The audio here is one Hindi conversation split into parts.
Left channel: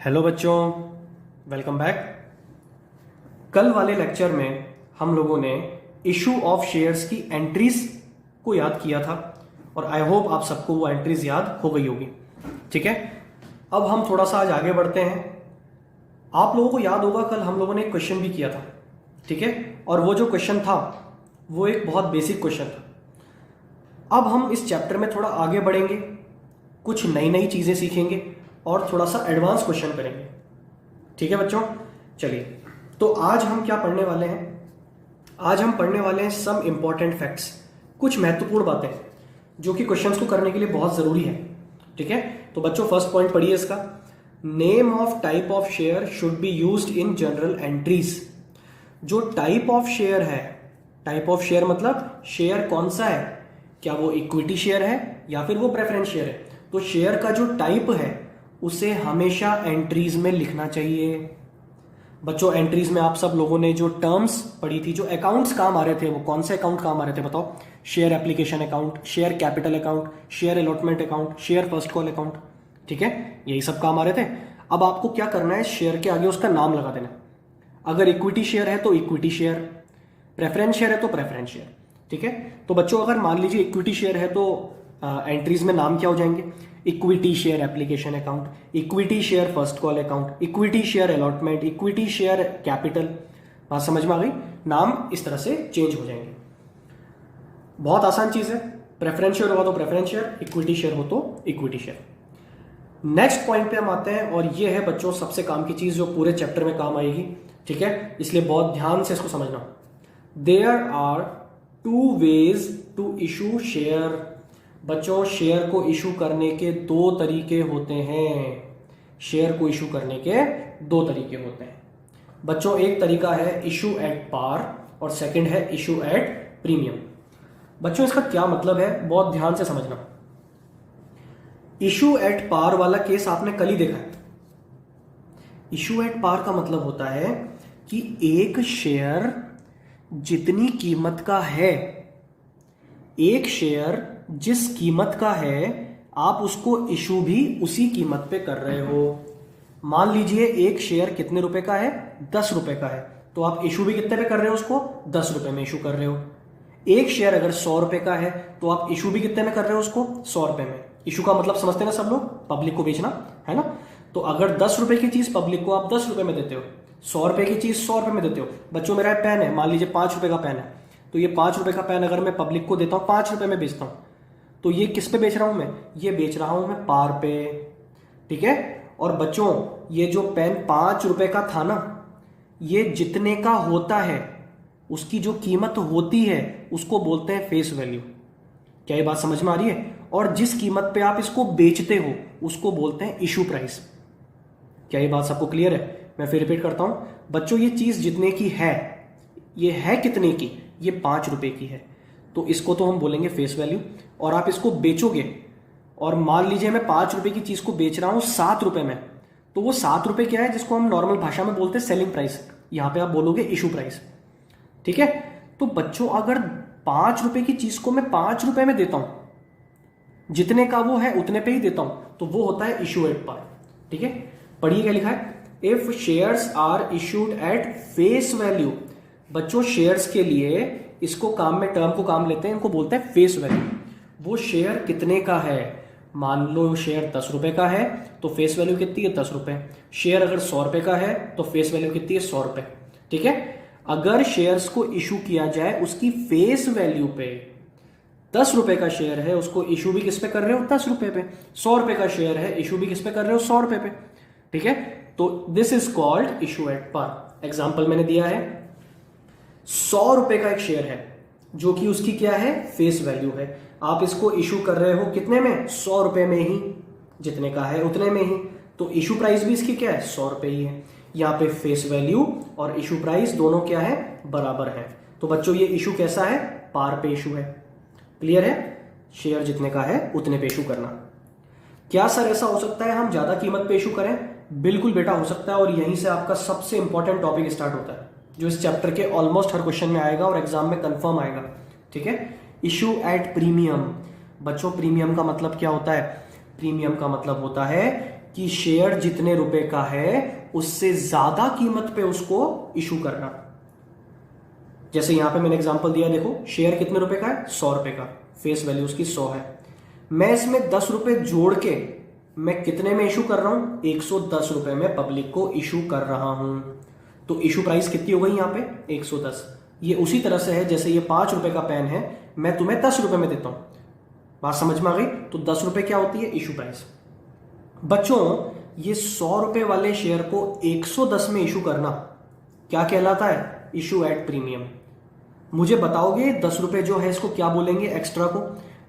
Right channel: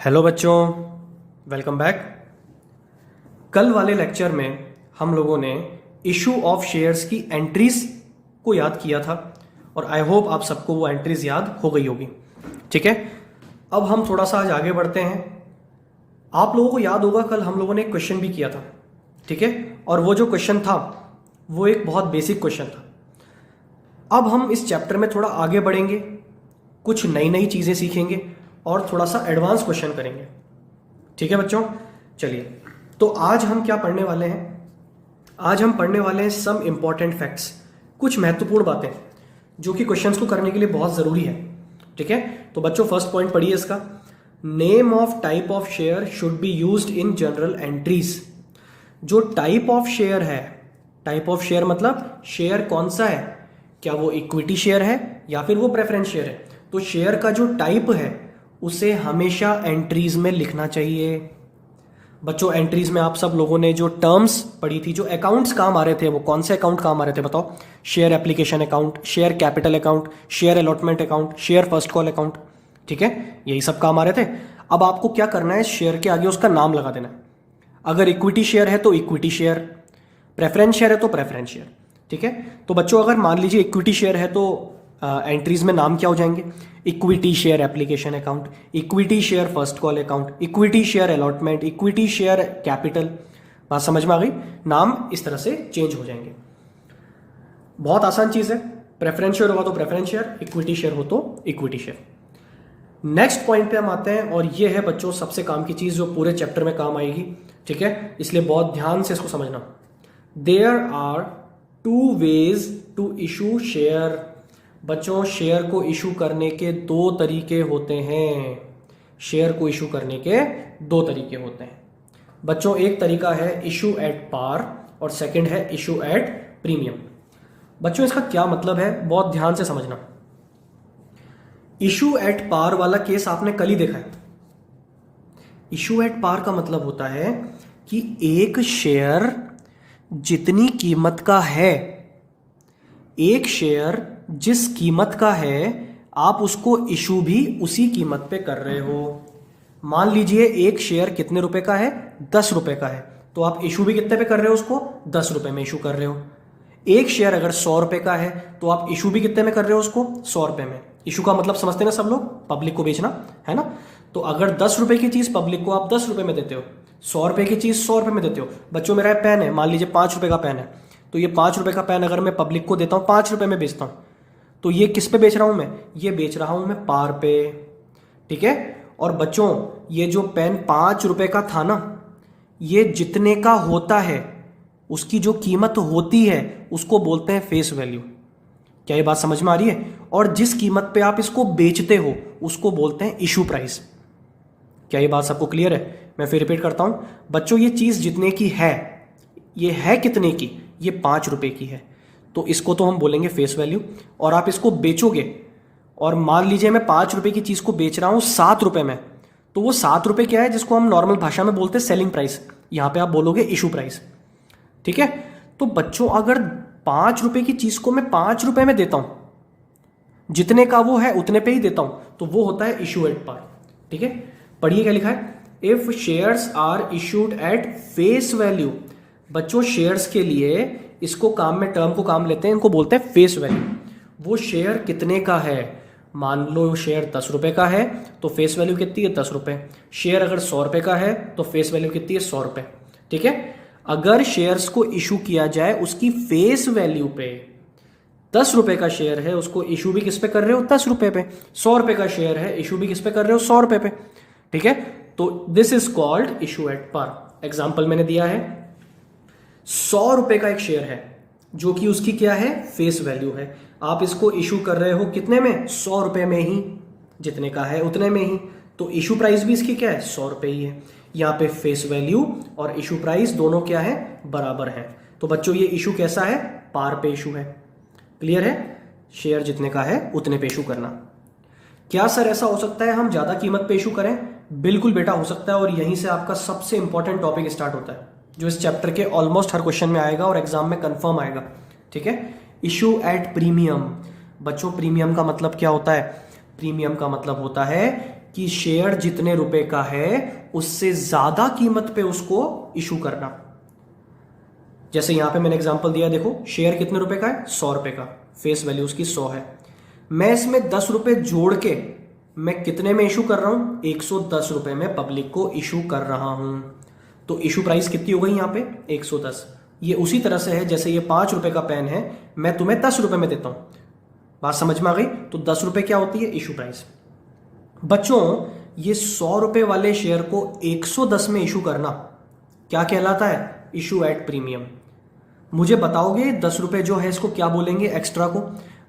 हेलो बच्चों, वेलकम बैक। कल वाले लेक्चर में हम लोगों ने इशू ऑफ शेयर्स की एंट्रीज को याद किया था और आई होप आप सबको वो एंट्रीज याद हो गई होगी। ठीक है, अब हम थोड़ा सा आज आगे बढ़ते हैं। आप लोगों को याद होगा कल हम लोगों ने एक क्वेश्चन भी किया था, ठीक है, और वो जो क्वेश्चन था वो एक बहुत बेसिक क्वेश्चन था। अब हम इस चैप्टर में थोड़ा आगे बढ़ेंगे, कुछ नई नई चीजें सीखेंगे और थोड़ा सा एडवांस क्वेश्चन करेंगे। ठीक है बच्चों, चलिए तो आज हम क्या पढ़ने वाले हैं। आज हम पढ़ने वाले हैं सम इंपॉर्टेंट फैक्ट्स, कुछ महत्वपूर्ण बातें जो कि क्वेश्चंस को करने के लिए बहुत जरूरी है। ठीक है, तो बच्चों फर्स्ट पॉइंट पढ़िए इसका। Name of type of share should be used in general entries. जो टाइप ऑफ शेयर है, टाइप ऑफ शेयर मतलब शेयर कौन सा है, क्या वो इक्विटी शेयर है या फिर वो प्रेफरेंस शेयर है। तो शेयर का जो टाइप है उसे हमेशा एंट्रीज में लिखना चाहिए। बच्चों एंट्रीज में आप सब लोगों ने जो टर्म्स पढ़ी थी, जो अकाउंट्स काम आ रहे थे, वो कौन से अकाउंट काम आ रहे थे बताओ? Share application account, share capital account, share allotment account, share first call account. ठीक है, यही सब काम आ रहे थे। अब आपको क्या करना है, शेयर के आगे उसका नाम लगा देना। अगर इक्विटी शेयर है तो इक्विटी शेयर, प्रेफरेंस शेयर है तो प्रेफरेंस शेयर। ठीक है, तो बच्चों अगर मान लीजिए इक्विटी शेयर है तो एंट्रीज में नाम क्या हो जाएंगे? Equity share application account, equity share first call account, equity share allotment, equity share capital. बात समझ में आ गई? नाम इस तरह से चेंज हो जाएंगे। बहुत आसान चीज है। प्रेफरेंस शेयर होगा तो प्रेफरेंस शेयर, इक्विटी शेयर हो तो इक्विटी शेयर। नेक्स्ट पॉइंट पे हम आते हैं और ये है बच्चों सबसे काम की चीज जो पूरे चैप्टर में काम आएगी। ठीक है, इसलिए बहुत ध्यान से इसको समझना। There are two ways to issue share. बच्चों शेयर को इशू करने के दो तरीके होते हैं। शेयर को इशू करने के दो तरीके होते हैं बच्चों। एक तरीका है इशू एट पार और सेकंड है इशू एट प्रीमियम। बच्चों इसका क्या मतलब है, बहुत ध्यान से समझना। इशू एट पार वाला केस आपने कल ही देखा है। इशू एट पार का मतलब होता है कि एक शेयर जितनी कीमत का है, एक शेयर जिस कीमत का है, आप उसको इशू भी उसी कीमत पे कर रहे हो। मान लीजिए एक शेयर कितने रुपए का है? 10 रुपए का है, तो आप इशू भी कितने पे कर रहे हो? उसको 10 रुपए में इशू कर रहे हो। एक शेयर अगर 100 रुपए का है तो आप इशू भी कितने में कर रहे हो? उसको 100 रुपए में। इशू का मतलब समझते ना सब लोग, पब्लिक को बेचना है ना। तो अगर 10 रुपए की चीज पब्लिक को आप 10 रुपए में देते हो, 100 रुपए की चीज 100 रुपए में देते हो। बच्चों मेरा पेन है, मान लीजिए 5 रुपए का पेन है, तो ये 5 रुपए का पेन अगर मैं पब्लिक को देता हूं, 5 रुपए में बेचता हूं, तो ये किस पे बेच रहा हूं मैं? ये बेच रहा हूं मैं पार पे। ठीक है, और बच्चों ये जो पेन 5 रुपए का था ना, ये जितने का होता है, उसकी जो कीमत होती है उसको बोलते हैं फेस वैल्यू। क्या ये बात समझ में आ रही है? और जिस कीमत पे आप इसको बेचते हो उसको बोलते हैं इशू प्राइस। क्या ये बात सबको क्लियर है? मैं फिर रिपीट करता हूं बच्चों, ये चीज जितने की है, ये है कितने की? ये 5 रुपए की है, तो इसको तो हम बोलेंगे फेस वैल्यू। और आप इसको बेचोगे, और मान लीजिए मैं 5 रुपए की चीज को बेच रहा हूं 7 रुपए में, तो वो 7 रुपए क्या है जिसको हम नॉर्मल भाषा में बोलते हैं सेलिंग प्राइस, यहां पे आप बोलोगे इशू प्राइस। ठीक है, तो बच्चों अगर 5 रुपए की चीज को मैं 5 रुपए में देता हूं, जितने का वो है उतने पे ही देता हूं, तो वो होता है इशू एट पार। ठीक है, पढ़िए क्या लिखा है। If shares are issued at face value. बच्चों शेयर्स के लिए इसको काम में, टर्म को काम लेते हैं, इनको बोलते हैं फेस वैल्यू। वो शेयर कितने का है? मान लो शेयर 10 रुपए का है तो फेस वैल्यू कितनी है? 10 रुपए। शेयर अगर 100 रुपए का है तो फेस वैल्यू कितनी है? 100 रुपए। ठीक है, अगर शेयर्स को इशू किया जाए उसकी फेस वैल्यू पे, 10 रुपए का शेयर है उसको इशू भी किस पे कर रहे हो? 10 रुपए पे। 100 रुपए का शेयर है, इशू भी किस पे कर रहे हो? 100 रुपए पे। ठीक है, तो this is called issue at par. Example मैंने दिया है, 100 रुपए का एक शेयर है जो कि उसकी क्या है? फेस वैल्यू है। आप इसको इशू कर रहे हो कितने में? 100 रुपए में ही, जितने का है उतने में ही। तो इशू प्राइस भी इसकी क्या है? 100 रुपए ही है। यहाँ पे फेस वैल्यू और इशू प्राइस दोनों क्या है? बराबर है। तो बच्चों ये इशू कैसा है? पार पे इशू है। क्लियर है? शेयर जितने का है उतने पे इशू करना। क्या सर ऐसा हो सकता है हम ज्यादा कीमत पे इशू करें? बिल्कुल बेटा हो सकता है, और यहीं से आपका सबसे इंपॉर्टेंट टॉपिक स्टार्ट होता है जो इस चैप्टर के ऑलमोस्ट हर क्वेश्चन में आएगा और एग्जाम में कंफर्म आएगा। ठीक है, इशू एट प्रीमियम। बच्चों प्रीमियम का मतलब क्या होता है? प्रीमियम का मतलब होता है कि शेयर जितने रुपए का है उससे ज्यादा कीमत पे उसको इशू करना। जैसे यहां पे मैंने एग्जांपल दिया, देखो शेयर कितने रुपए का है, 100 रुपए का, फेस वैल्यू उसकी 100 है। मैं इसमें 10 रुपए जोड़ के मैं कितने में इशू कर रहा हूं, 110 रुपए में पब्लिक को इशू कर रहा हूं। तो इशू प्राइस कितनी हो गई यहां पे, 110। ये उसी तरह से है जैसे ये 5 रुपए का पेन है, मैं तुम्हें 10 रुपए में देता हूं। बात समझ में आ गई? तो 10 रुपए क्या होती है, इशू प्राइस। बच्चों ये 100 रुपए वाले शेयर को 110 में इशू करना क्या कहलाता है, इशू एट प्रीमियम। मुझे बताओगे 10 रुपए जो है इसको क्या बोलेंगे, एक्स्ट्रा को?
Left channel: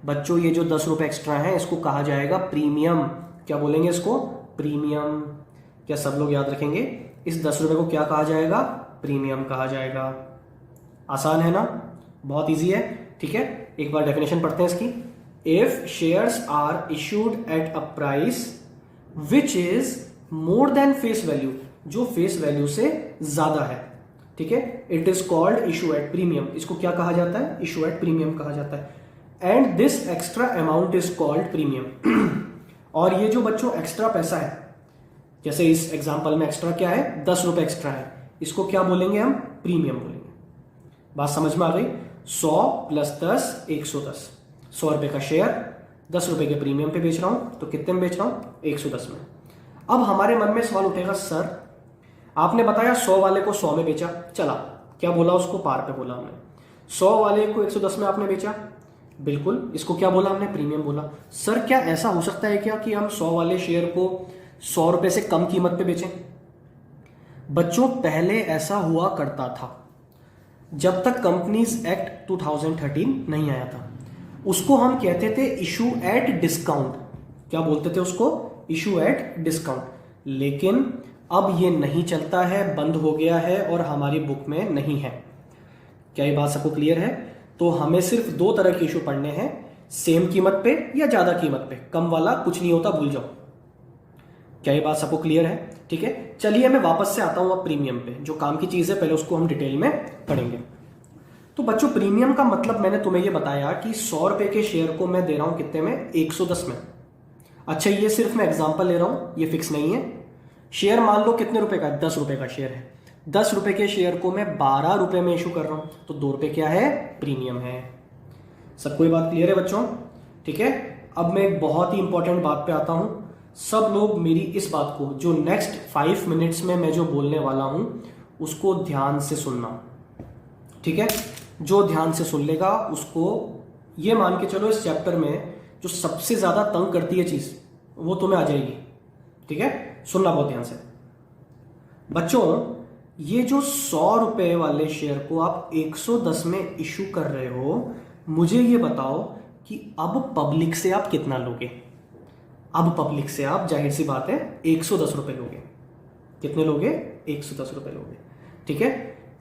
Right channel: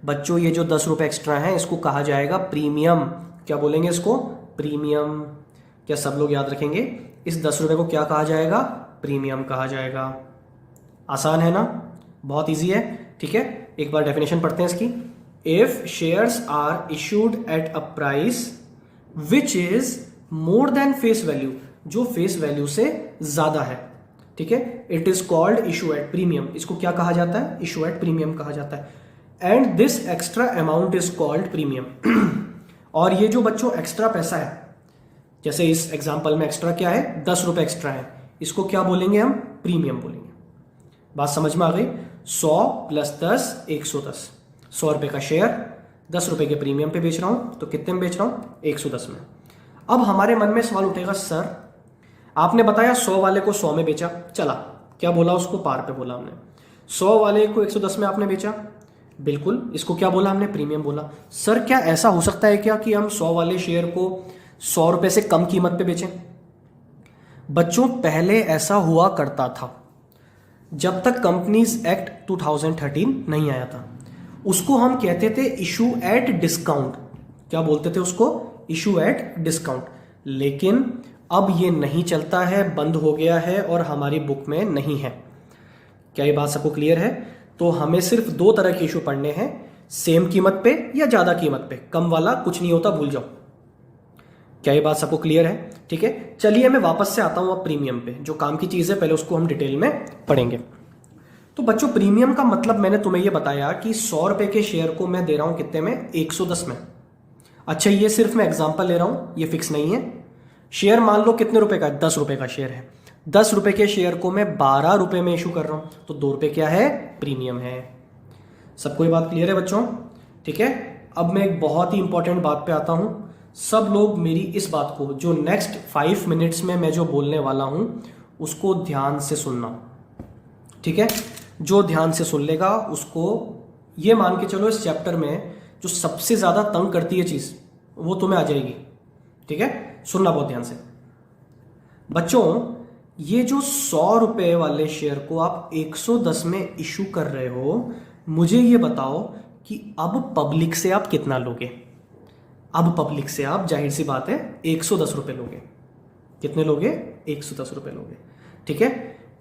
बच्चों ये जो 10 रुपए एक्स्ट्रा है इसको कहा जाएगा प्रीमियम। क्या बोलेंगे इसको, प्रीमियम। क्या सब लोग याद रखेंगे? इस 10 रुपए को क्या कहा जाएगा, प्रीमियम कहा जाएगा। आसान है ना, बहुत इजी है। ठीक है, एक बार डेफिनेशन पढ़ते हैं इसकी। If shares are issued at a price which is more than face value, जो फेस वैल्यू से ज्यादा है, ठीक है, it is called issue at premium. इसको क्या कहा जाता है, इशू एट प्रीमियम कहा जाता है। And this extra amount is called premium. और ये जो बच्चों एक्स्ट्रा पैसा है, जैसे इस एग्जांपल में एक्स्ट्रा क्या है, 10 रुपए एक्स्ट्रा है, इसको क्या बोलेंगे हम, प्रीमियम बोलेंगे। बात समझ में आ गई? 100 प्लस 10 110, 100 रुपए का शेयर 10 रुपए के प्रीमियम पे बेच रहा हूं, तो कितने में बेच रहा हूं, 110 में। अब हमारे मन में सवाल उठेगा, सर आपने बताया 100 वाले को 100 में बेचा, चला, क्या बोला उसको, पार पे बोला हमने। 100 वाले को 110 में आपने बेचा, बिल्कुल, इसको क्या बोला हमने, प्रीमियम बोला। सर क्या ऐसा हो सकता है क्या कि हम 100 वाले शेयर को 100 रुपए से कम कीमत पे बेचें? बच्चों पहले ऐसा हुआ करता था, जब तक कंपनीज एक्ट 2013 नहीं आया था। उसको हम कहते थे इशू एट डिस्काउंट। क्या बोलते थे उसको, इशू एट डिस्काउंट। लेकिन अब ये नहीं चलता है, बंद हो गया है और हमारी बुक में नहीं है। क्या ये बात सबको क्लियर है? तो हमें सिर्फ 2 तरह के इशू पढ़ने हैं, सेम कीमत पे या ज्यादा कीमत पे। कम वाला कुछ नहीं होता, भूल जाओ। क्या ये बात सबको क्लियर है? ठीक है, चलिए मैं वापस से आता हूं अब प्रीमियम पे। जो काम की चीज है पहले उसको हम डिटेल में पढ़ेंगे। तो बच्चों प्रीमियम का मतलब मैंने तुम्हें यह बताया कि 100 रुपए के शेयर को मैं दे रहा हूं कितने में, 110 में। अच्छा ये सिर्फ मैं एग्जांपल ले रहा हूं, ये फिक्स नहीं है। शेयर मान लो कितने रुपए का है, 10 रुपए का शेयर है। 10 रुपए के शेयर को मैं 12 रुपए में इशू कर रहा हूं, तो 2 रुपए क्या है, प्रीमियम है। सबको ये बात क्लियर है बच्चों? ठीक है, अब मैं एक बहुत ही इंपॉर्टेंट बात पे आता हूं। सब लोग मेरी इस बात को, जो नेक्स्ट 5 मिनट्स में मैं जो बोलने वाला हूं, उसको ध्यान से सुनना। ठीक है, जो ध्यान से सुन लेगा उसको ये मान के चलो इस चैप्टर में जो सबसे ज्यादा तंग करती है चीज वो तुम्हें आ जाएगी। ठीक है, सुनना बहुत ध्यान से। बच्चों ये जो 100 रुपए वाले शेयर को आप 110 में इशू कर रहे हो, मुझे ये बताओ कि अब पब्लिक से आप कितना लोगे? अब पब्लिक से आप जाहिर सी बात है 110 रुपए लोगे। कितने लोगे? 110 रुपए लोगे। ठीक है,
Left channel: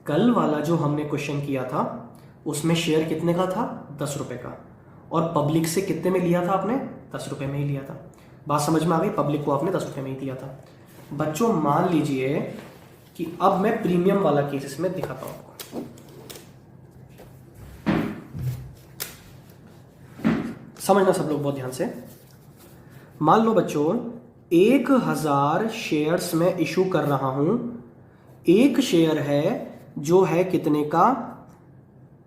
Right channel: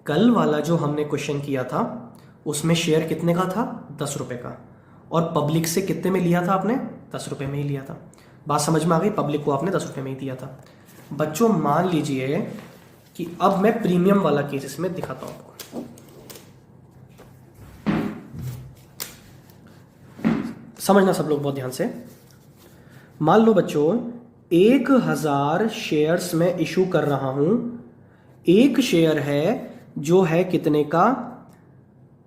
कल वाला जो हमने क्वेश्चन किया था उसमें शेयर कितने का था, 10 रुपए का, और पब्लिक से कितने में लिया था आपने, 10 रुपए में ही लिया था। बात समझ में आ गई? पब्लिक को आपने 10 रुपए में ही दिया था। बच्चों मान लीजिए कि अब मैं प्रीमियम वाला केस इसमें दिखाता हूं आपको। समझना सब लोग बहुत ध्यान से। मान लो बच्चों 1000 शेयर्स में इशू कर रहा हूं। एक शेयर है जो है कितने का,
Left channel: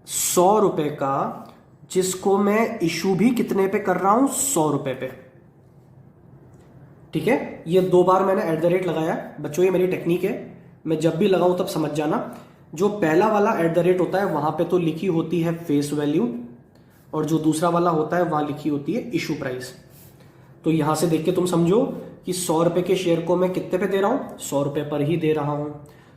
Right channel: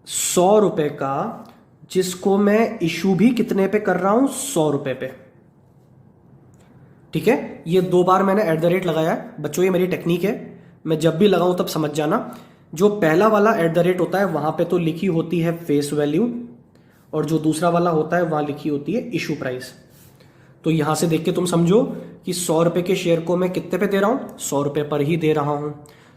100 रुपए का, जिसको मैं इशू भी कितने पे कर रहा हूं, 100 रुपए पे। ठीक है, ये 2 बार मैंने @ लगाया। बच्चों ये मेरी टेक्निक है, मैं जब भी लगाऊं तब समझ जाना। जो पहला वाला @ होता है वहां पे तो लिखी होती है फेस वैल्यू, और जो दूसरा वाला होता है वहां लिखी होती है इशू प्राइस। तो यहां से देख के तुम समझो कि 100 रुपए के शेयर को मैं कितने पे दे रहा हूं, 100 रुपए पर ही दे रहा हूं।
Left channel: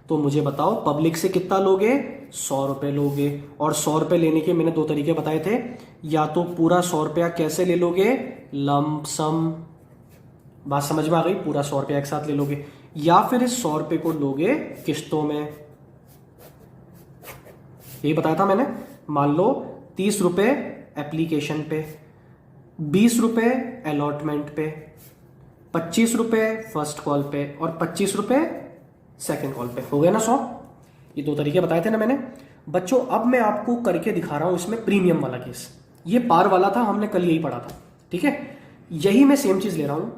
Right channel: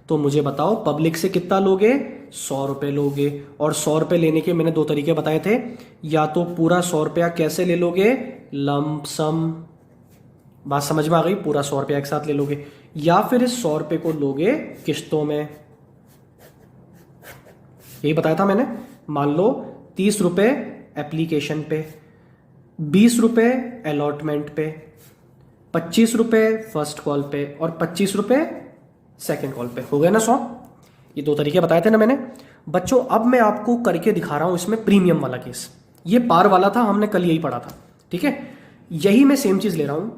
तो मुझे बताओ पब्लिक से कितना लोगे, 100 रुपए लोगे। और 100 रुपए लेने के मैंने 2 तरीके बताए थे, या तो पूरा 100 रुपया कैसे ले लोगे, लंप सम। बात समझ में आ गई? पूरा 100 रुपया एक साथ ले लोगे, या फिर इस 100 रुपए को लोगे किस्तों में। यही बताया था मैंने। मान लो 30 रुपए एप्लीकेशन पे, 20 रुपए अलॉटमेंट पे, 25 रुपए फर्स्ट कॉल पे, और 25 रुपए सेकेंड कॉल पे। हो गया ना 100? ये 2 तरीके बताए थे ना मैंने। बच्चों अब मैं आपको करके दिखा रहा हूं इसमें प्रीमियम वाला केस। ये पार वाला था, हमने कल यही पढ़ा था। ठीक है, यही मैं सेम चीज ले रहा हूं,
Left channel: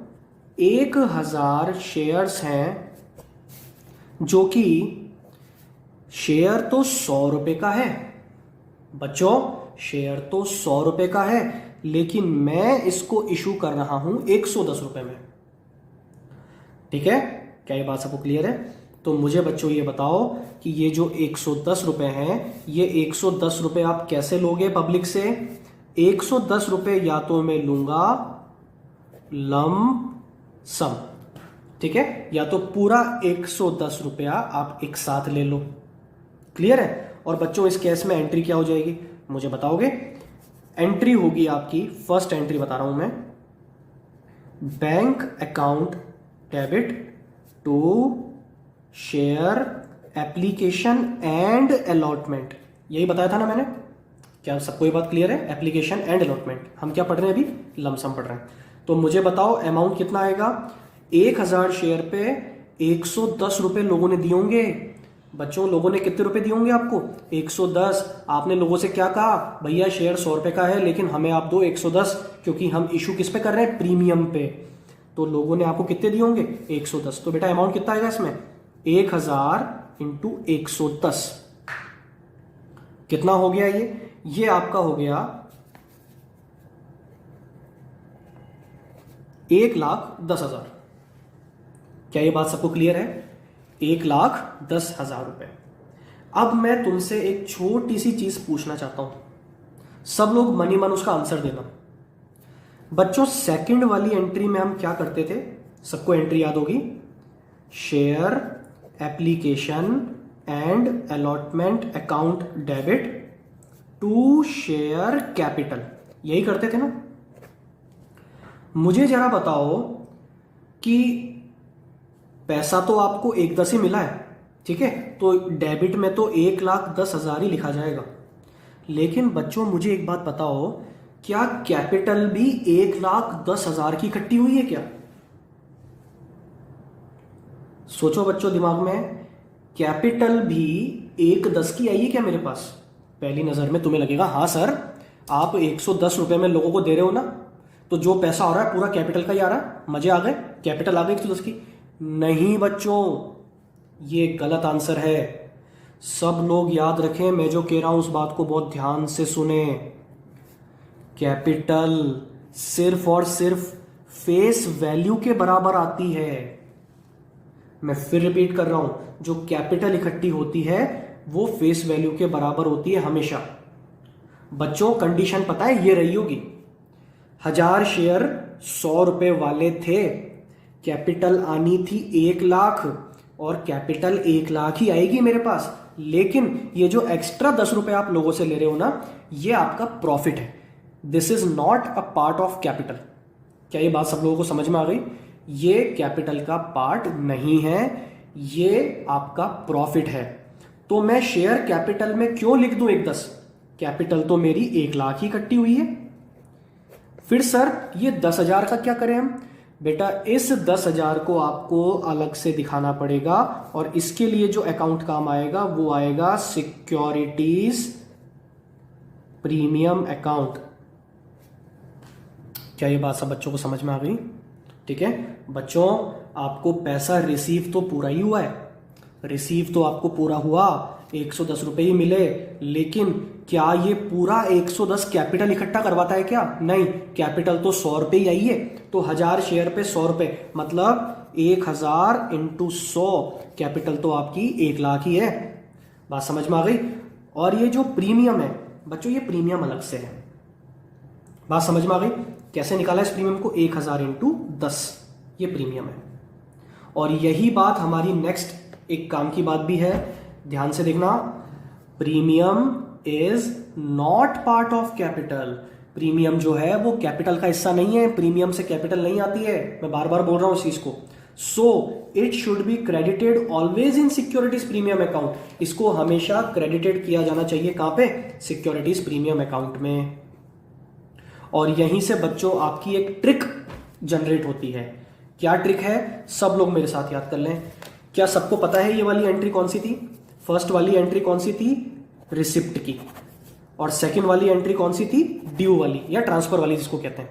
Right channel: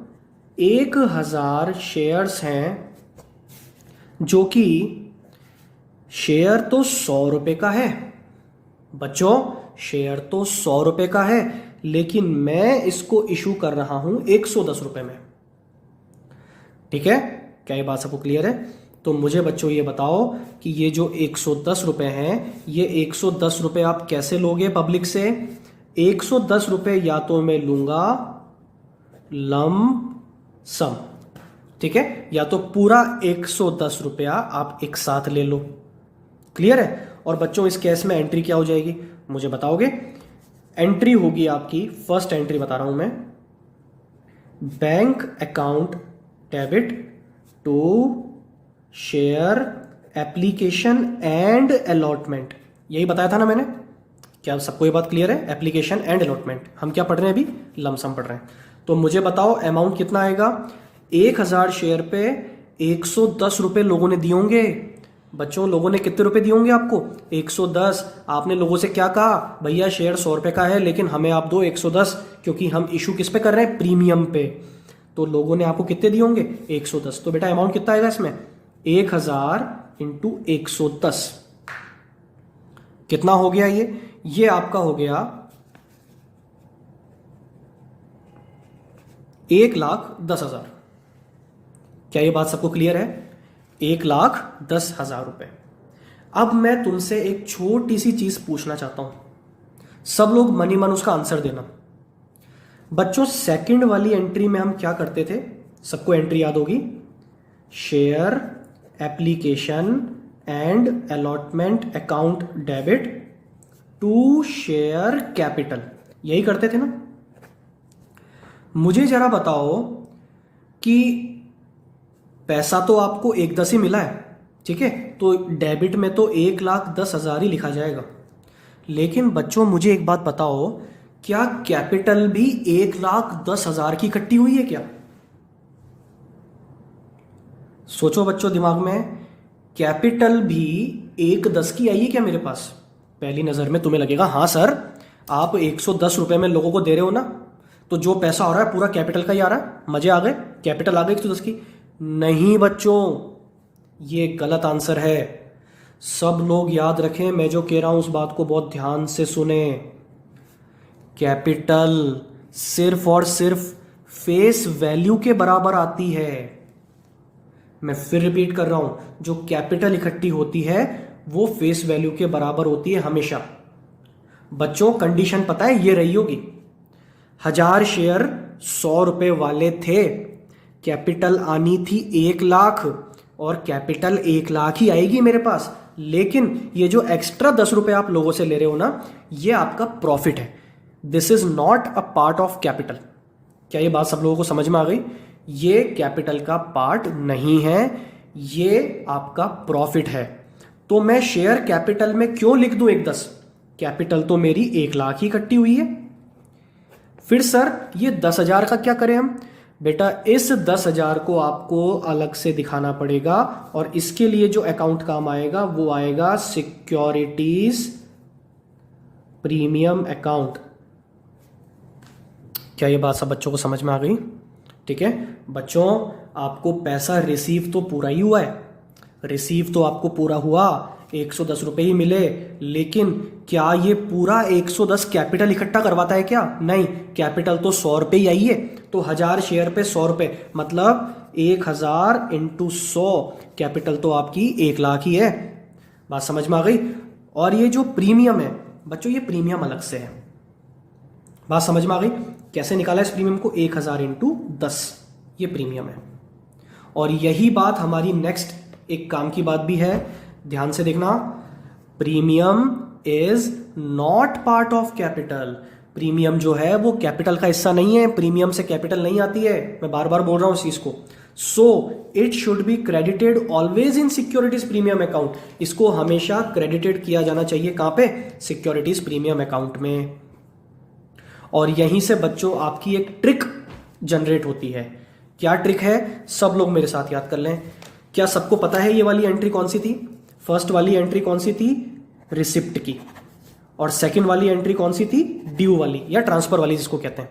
1000 शेयर्स हैं, जो कि शेयर तो 100 रुपए का है बच्चों, शेयर तो 100 रुपए का है, लेकिन मैं इसको इशू कर रहा हूं 110 रुपए में। ठीक है, क्या ये बात सबको क्लियर है? तो मुझे बच्चों ये बताओ कि ये जो 110 रुपए हैं, ये 110 रुपए आप कैसे लोगे पब्लिक से? 110 रुपए या तो मैं लूंगा लम सम, ठीक है, या तो पूरा 110 रुपया आप एक साथ ले लो। क्लियर है? और बच्चों इस केस में एंट्री क्या हो जाएगी मुझे बताओगे? एंट्री होगी आपकी, फर्स्ट एंट्री बता रहा हूं मैं, bank account debit to share application and allotment. यही बताया था ना मैंने? क्या सबको ये बात क्लियर है? Application and allotment. हम क्या पढ़ रहे हैं अभी? लमसम पढ़ रहे हैं। तो मुझे बताओ अमाउंट कितना आएगा? 1000 शेयर पे 110 रुपए लोगों ने दिए होंगे। बच्चों लोगों ने कितने रुपए दिए होंगे आपको? 110। आपने लोगों से क्या कहा? भैया शेयर 100 रुपए का है, लेकिन हमें आप दो 110, क्योंकि हम इशू किस पे कर रहे हैं? प्रीमियम पे। तो लोगों ने आपको कितने दिए होंगे? 110। तो बेटा अमाउंट कितना आएगा इसमें? 1000 इंटू 110 कितना हो गया? ये आपका हो गया 1,10,000। क्या ये बात सबको क्लियर है? 1,10,000 रुपए। अब मैं तुमसे एक छोटी सी चीज पूछना चाहता हूं, सब लोग मनी मन उसका आंसर देना। बच्चों सेकंड वाली एंट्री में हम क्या करते थे? सबको एंट्री याद होगी, share application and allotment account debit to share capital, यही करते थे ना? मुझे जरा बताओ कि पैसा तो आपको 1,10 ही मिला है, ठीक है, तो डेबिट में तो 1,10,000 ही लिखा जाएगा। लेकिन बच्चों मुझे एक बात बताओ, क्या कैपिटल भी 1,10,000 की इकट्ठी हुई है क्या? सोचो बच्चों दिमाग में, कैपिटल भी 1,10 की आई है क्या मेरे पास? पहली नजर में तुम्हें लगेगा हाँ सर, आप 110 रुपए में लोगों को दे रहे हो ना, तो जो पैसा आ रहा है पूरा कैपिटल का ही आ रहा है, मजे आ गए, कैपिटल आ गई 110 की। नहीं बच्चों, ये गलत आंसर है। सब लोग याद रखें, मैं जो कह रहा हूं उस बात को बहुत ध्यान से सुने। कैपिटल सिर्फ और सिर्फ फेस वैल्यू के बराबर आती है। मैं फिर रिपीट कर रहा हूं, जो कैपिटल इकट्ठी होती है वो फेस वैल्यू के बराबर होती है हमेशा। बच्चों कंडीशन पता है ये रही होगी, 1000 शेयर 100 रुपए वाले थे, कैपिटल आनी थी 1,00,000 और कैपिटल 1,00,000 ही आएगी मेरे पास। लेकिन ये जो एक्स्ट्रा 10 रुपए आप लोगों से ले रहे हो ना, ये आपका प्रॉफिट है। This is not a part of capital. क्या ये बात सब लोगों को समझ में आ गई? ये कैपिटल का पार्ट नहीं है, ये आपका प्रॉफिट है। तो मैं शेयर कैपिटल में क्यों लिख दूं 1,10? कैपिटल तो मेरी 1,00,000 ही इकट्ठी हुई है। फिर सर ये 10,000 का क्या करें हम? बेटा इस 10,000 को आपको अलग से दिखाना पड़ेगा, और इसके लिए जो अकाउंट काम आएगा वो आएगा सिक्योरिटीज प्रीमियम अकाउंट। क्या ये बात सब बच्चों को समझ में आ गई? ठीक है बच्चों, आपको पैसा रिसीव तो पूरा ही हुआ है, रिसीव तो आपको पूरा हुआ, 110 रुपए ही मिले। लेकिन क्या ये पूरा 110 कैपिटल इकट्ठा करवाता है क्या? नहीं, कैपिटल तो 100 रुपए ही आई है। तो 1000 शेयर पे 100 रुपए, मतलब 1000 इंटू 100, कैपिटल तो आपकी 1,00,000 ही है। बात समझ में आ गई? और ये जो प्रीमियम है बच्चों, ये प्रीमियम अलग से है। बात समझ में आ गई? कैसे निकाला इस प्रीमियम को? 1000 इंटू 10, ये प्रीमियम है। और यही बात हमारी नेक्स्ट एक काम की बात भी है, ध्यान से देखना। Premium is not part of capital. Premium जो है वो कैपिटल का हिस्सा नहीं है, प्रीमियम से कैपिटल नहीं आती है, मैं बार बार बोल रहा हूं इस चीज को। So it should be credited always in securities premium account. इसको हमेशा क्रेडिटेड किया जाना चाहिए। कहां पे? सिक्योरिटीज प्रीमियम अकाउंट में। और यहीं से बच्चों आपकी एक ट्रिक जनरेट होती है। क्या ट्रिक है? सब लोग मेरे साथ याद कर लें। क्या सबको पता है ये वाली एंट्री कौन सी थी? फर्स्ट वाली एंट्री कौन सी थी? रिसिप्ट की। और सेकंड वाली एंट्री कौन सी थी? ड्यू वाली या ट्रांसफर वाली जिसको कहते हैं।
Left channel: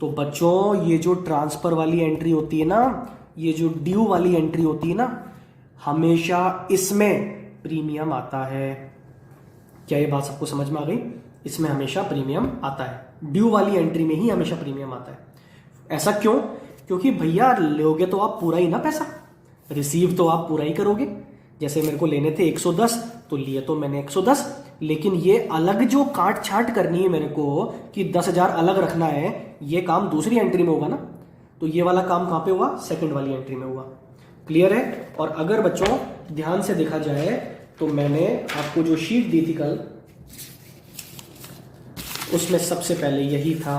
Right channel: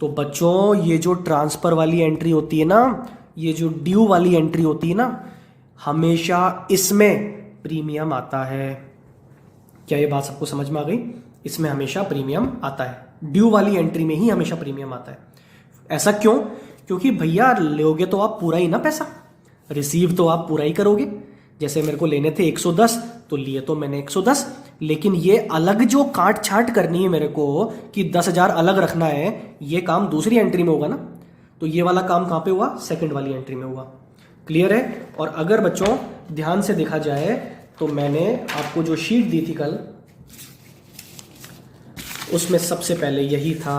तो बच्चों ये जो ट्रांसफर वाली एंट्री होती है ना, ये जो ड्यू वाली एंट्री होती है ना, हमेशा इसमें प्रीमियम आता है। क्या ये बात सबको समझ में आ गई? इसमें हमेशा प्रीमियम आता है, ड्यू वाली एंट्री में ही हमेशा प्रीमियम आता है। ऐसा क्यों? क्योंकि भैया लोगे तो आप पूरा ही ना पैसा, रिसीव तो आप पूरा ही करोगे। जैसे मेरे को लेने थे 110, तो लिए तो मैंने 110, लेकिन ये अलग जो काट छाट करनी है मेरे को कि 10,000 अलग रखना है, ये काम दूसरी एंट्री में होगा ना। तो ये वाला काम कहाँ पे हुआ? सेकंड वाली एंट्री में हुआ। क्लियर है? और अगर बच्चों ध्यान से देखा जाए तो मैंने आपको जो शीट दी थी कल, उसमें सबसे पहले यही था।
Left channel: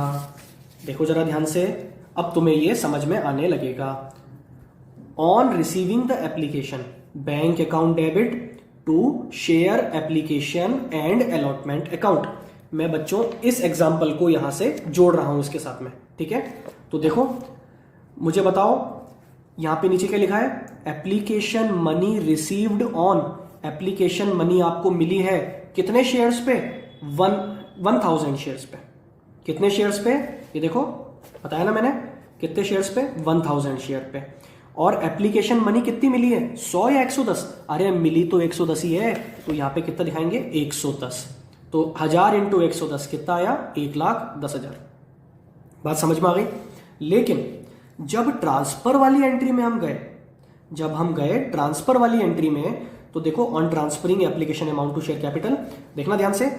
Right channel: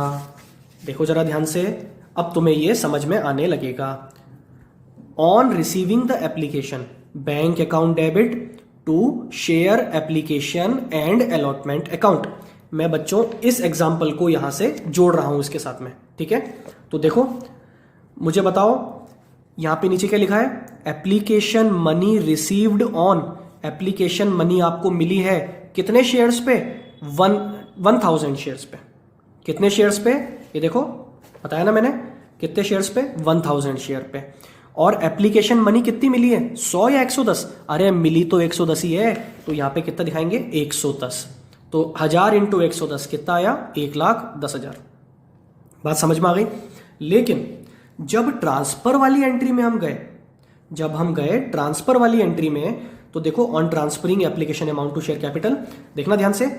देखो जरा ध्यान से, अब तुम्हें ये समझ में आने लगेगा। On receiving the application, bank account debit to share application and allotment account. मैं बच्चों इस एग्जाम्पल को यहां से जोड़ रहा हूं इसके साथ में, ठीक है? तो देखो मुझे बताओ, यहां पे नीचे क्या लिखा है? Application money received on, application money आपको मिली है कितने शेयर्स पे? 1000 शेयर्स पे। कितने शेयर्स पे? ये देखो बताया ना मैंने, कितने शेयर्स पे? 1000 शेयर पे। और एप्लीकेशन मनी कितनी मिली है? 100 या 110? अरे मिली तो 110 ही है, तो यहां पे कितना दिखाएंगे? 110। तो 1000 इंटू 110 कितना आया? 1,10,000। बात समझ में आ गई? लेकिन जब ट्रांसफर वाली एंट्री में हम गए, जब हम गए ट्रांसफर वाली एंट्री में, तो देखो on transferring application amount to share capital, देखना ध्यान से,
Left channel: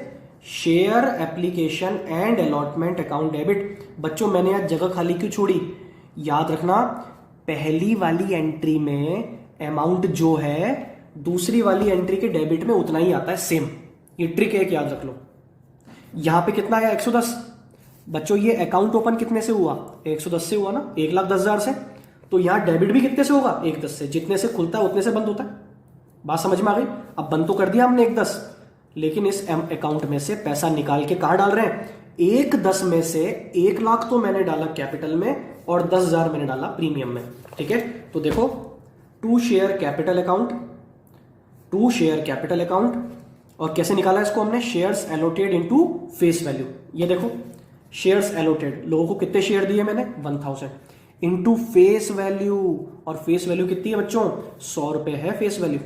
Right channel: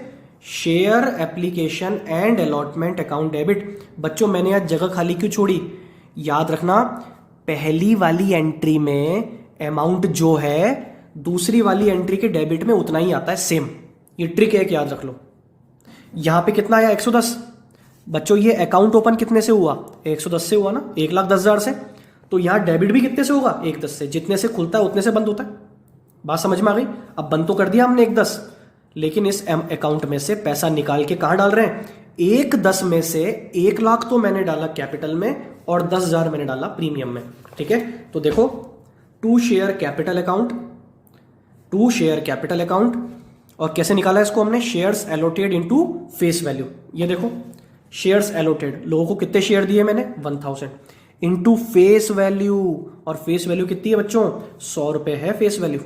share application and allotment account debit. बच्चों मैंने आज जगह खाली क्यों छोड़ी? याद रखना, पहली वाली एंट्री में अमाउंट जो है दूसरी वाली एंट्री के डेबिट में उतना ही आता है, सेम। ये ट्रिक है, याद रख लो। यहां पे कितना आया? 110। बच्चों ये अकाउंट ओपन कितने से हुआ? 110 से हुआ ना, 1,10,000 से। तो यहां डेबिट भी कितने से होगा? 1,10 से। जितने से खुलता है उतने से बंद होता है। बात समझ में आ गई? अब बंद तो कर दिया हमने 1,10, लेकिन इस अकाउंट में से पैसा निकाल के कहां डाल रहे हैं? 1,10 में से 1,00,000 तो मैंने डाला कैपिटल में और 10,000 मैंने डाला प्रीमियम में, ठीक है? तो देखो, to share capital account, to share capital account, और कैसे निकाला इसको हमने? Shares allotted into face value. ये देखो शेयर्स एलोटेड, लोगों को कितने शेयर दिए मैंने? 1000 इनटू फेस वैल्यू, और फेस वैल्यू कितनी है बच्चों? 100 रुपए है फेस वैल्यू।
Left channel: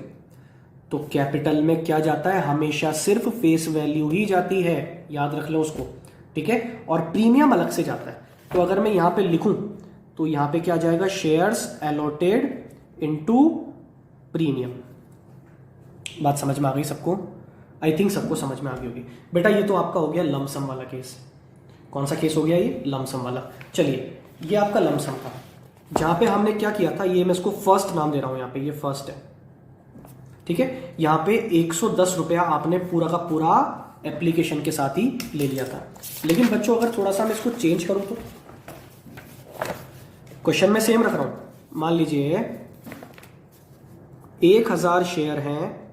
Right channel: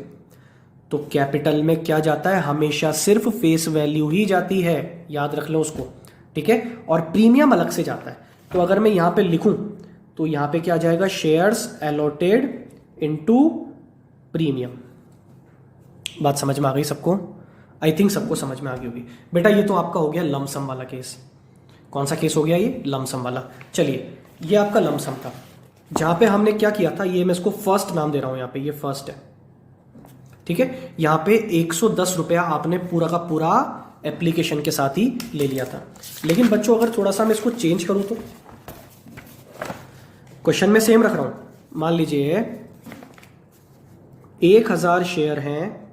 तो कैपिटल में क्या जाता है? हमेशा सिर्फ फेस वैल्यू ही जाती है, याद रख लो उसको, ठीक है? और प्रीमियम अलग से जाता है। तो अगर मैं यहां पे लिखूं तो यहां पे क्या आ जाएगा? Shares allotted into premium. बात समझ में आ गई सबको? आई थिंक सबको समझ में आ गई होगी। बेटा ये तो आपका हो गया लमसम वाला केस। कौन सा केस हो गया ये? लमसम वाला। चलिए ये आपका लमसम था, जहां पे हमने क्या किया था, ये मैं इसको फर्स्ट नाम दे रहा हूं, यहां पे ये फर्स्ट है, ठीक है? यहां पे 110 रुपया आपने पूरा का पूरा एप्लीकेशन के साथ ही ले लिया था। लेकिन बच्चों अगर थोड़ा सा मैं इसको चेंज करूं तो, क्वेश्चन में सेम रख रहा हूं। मान लीजिए 1000 शेयर हैं,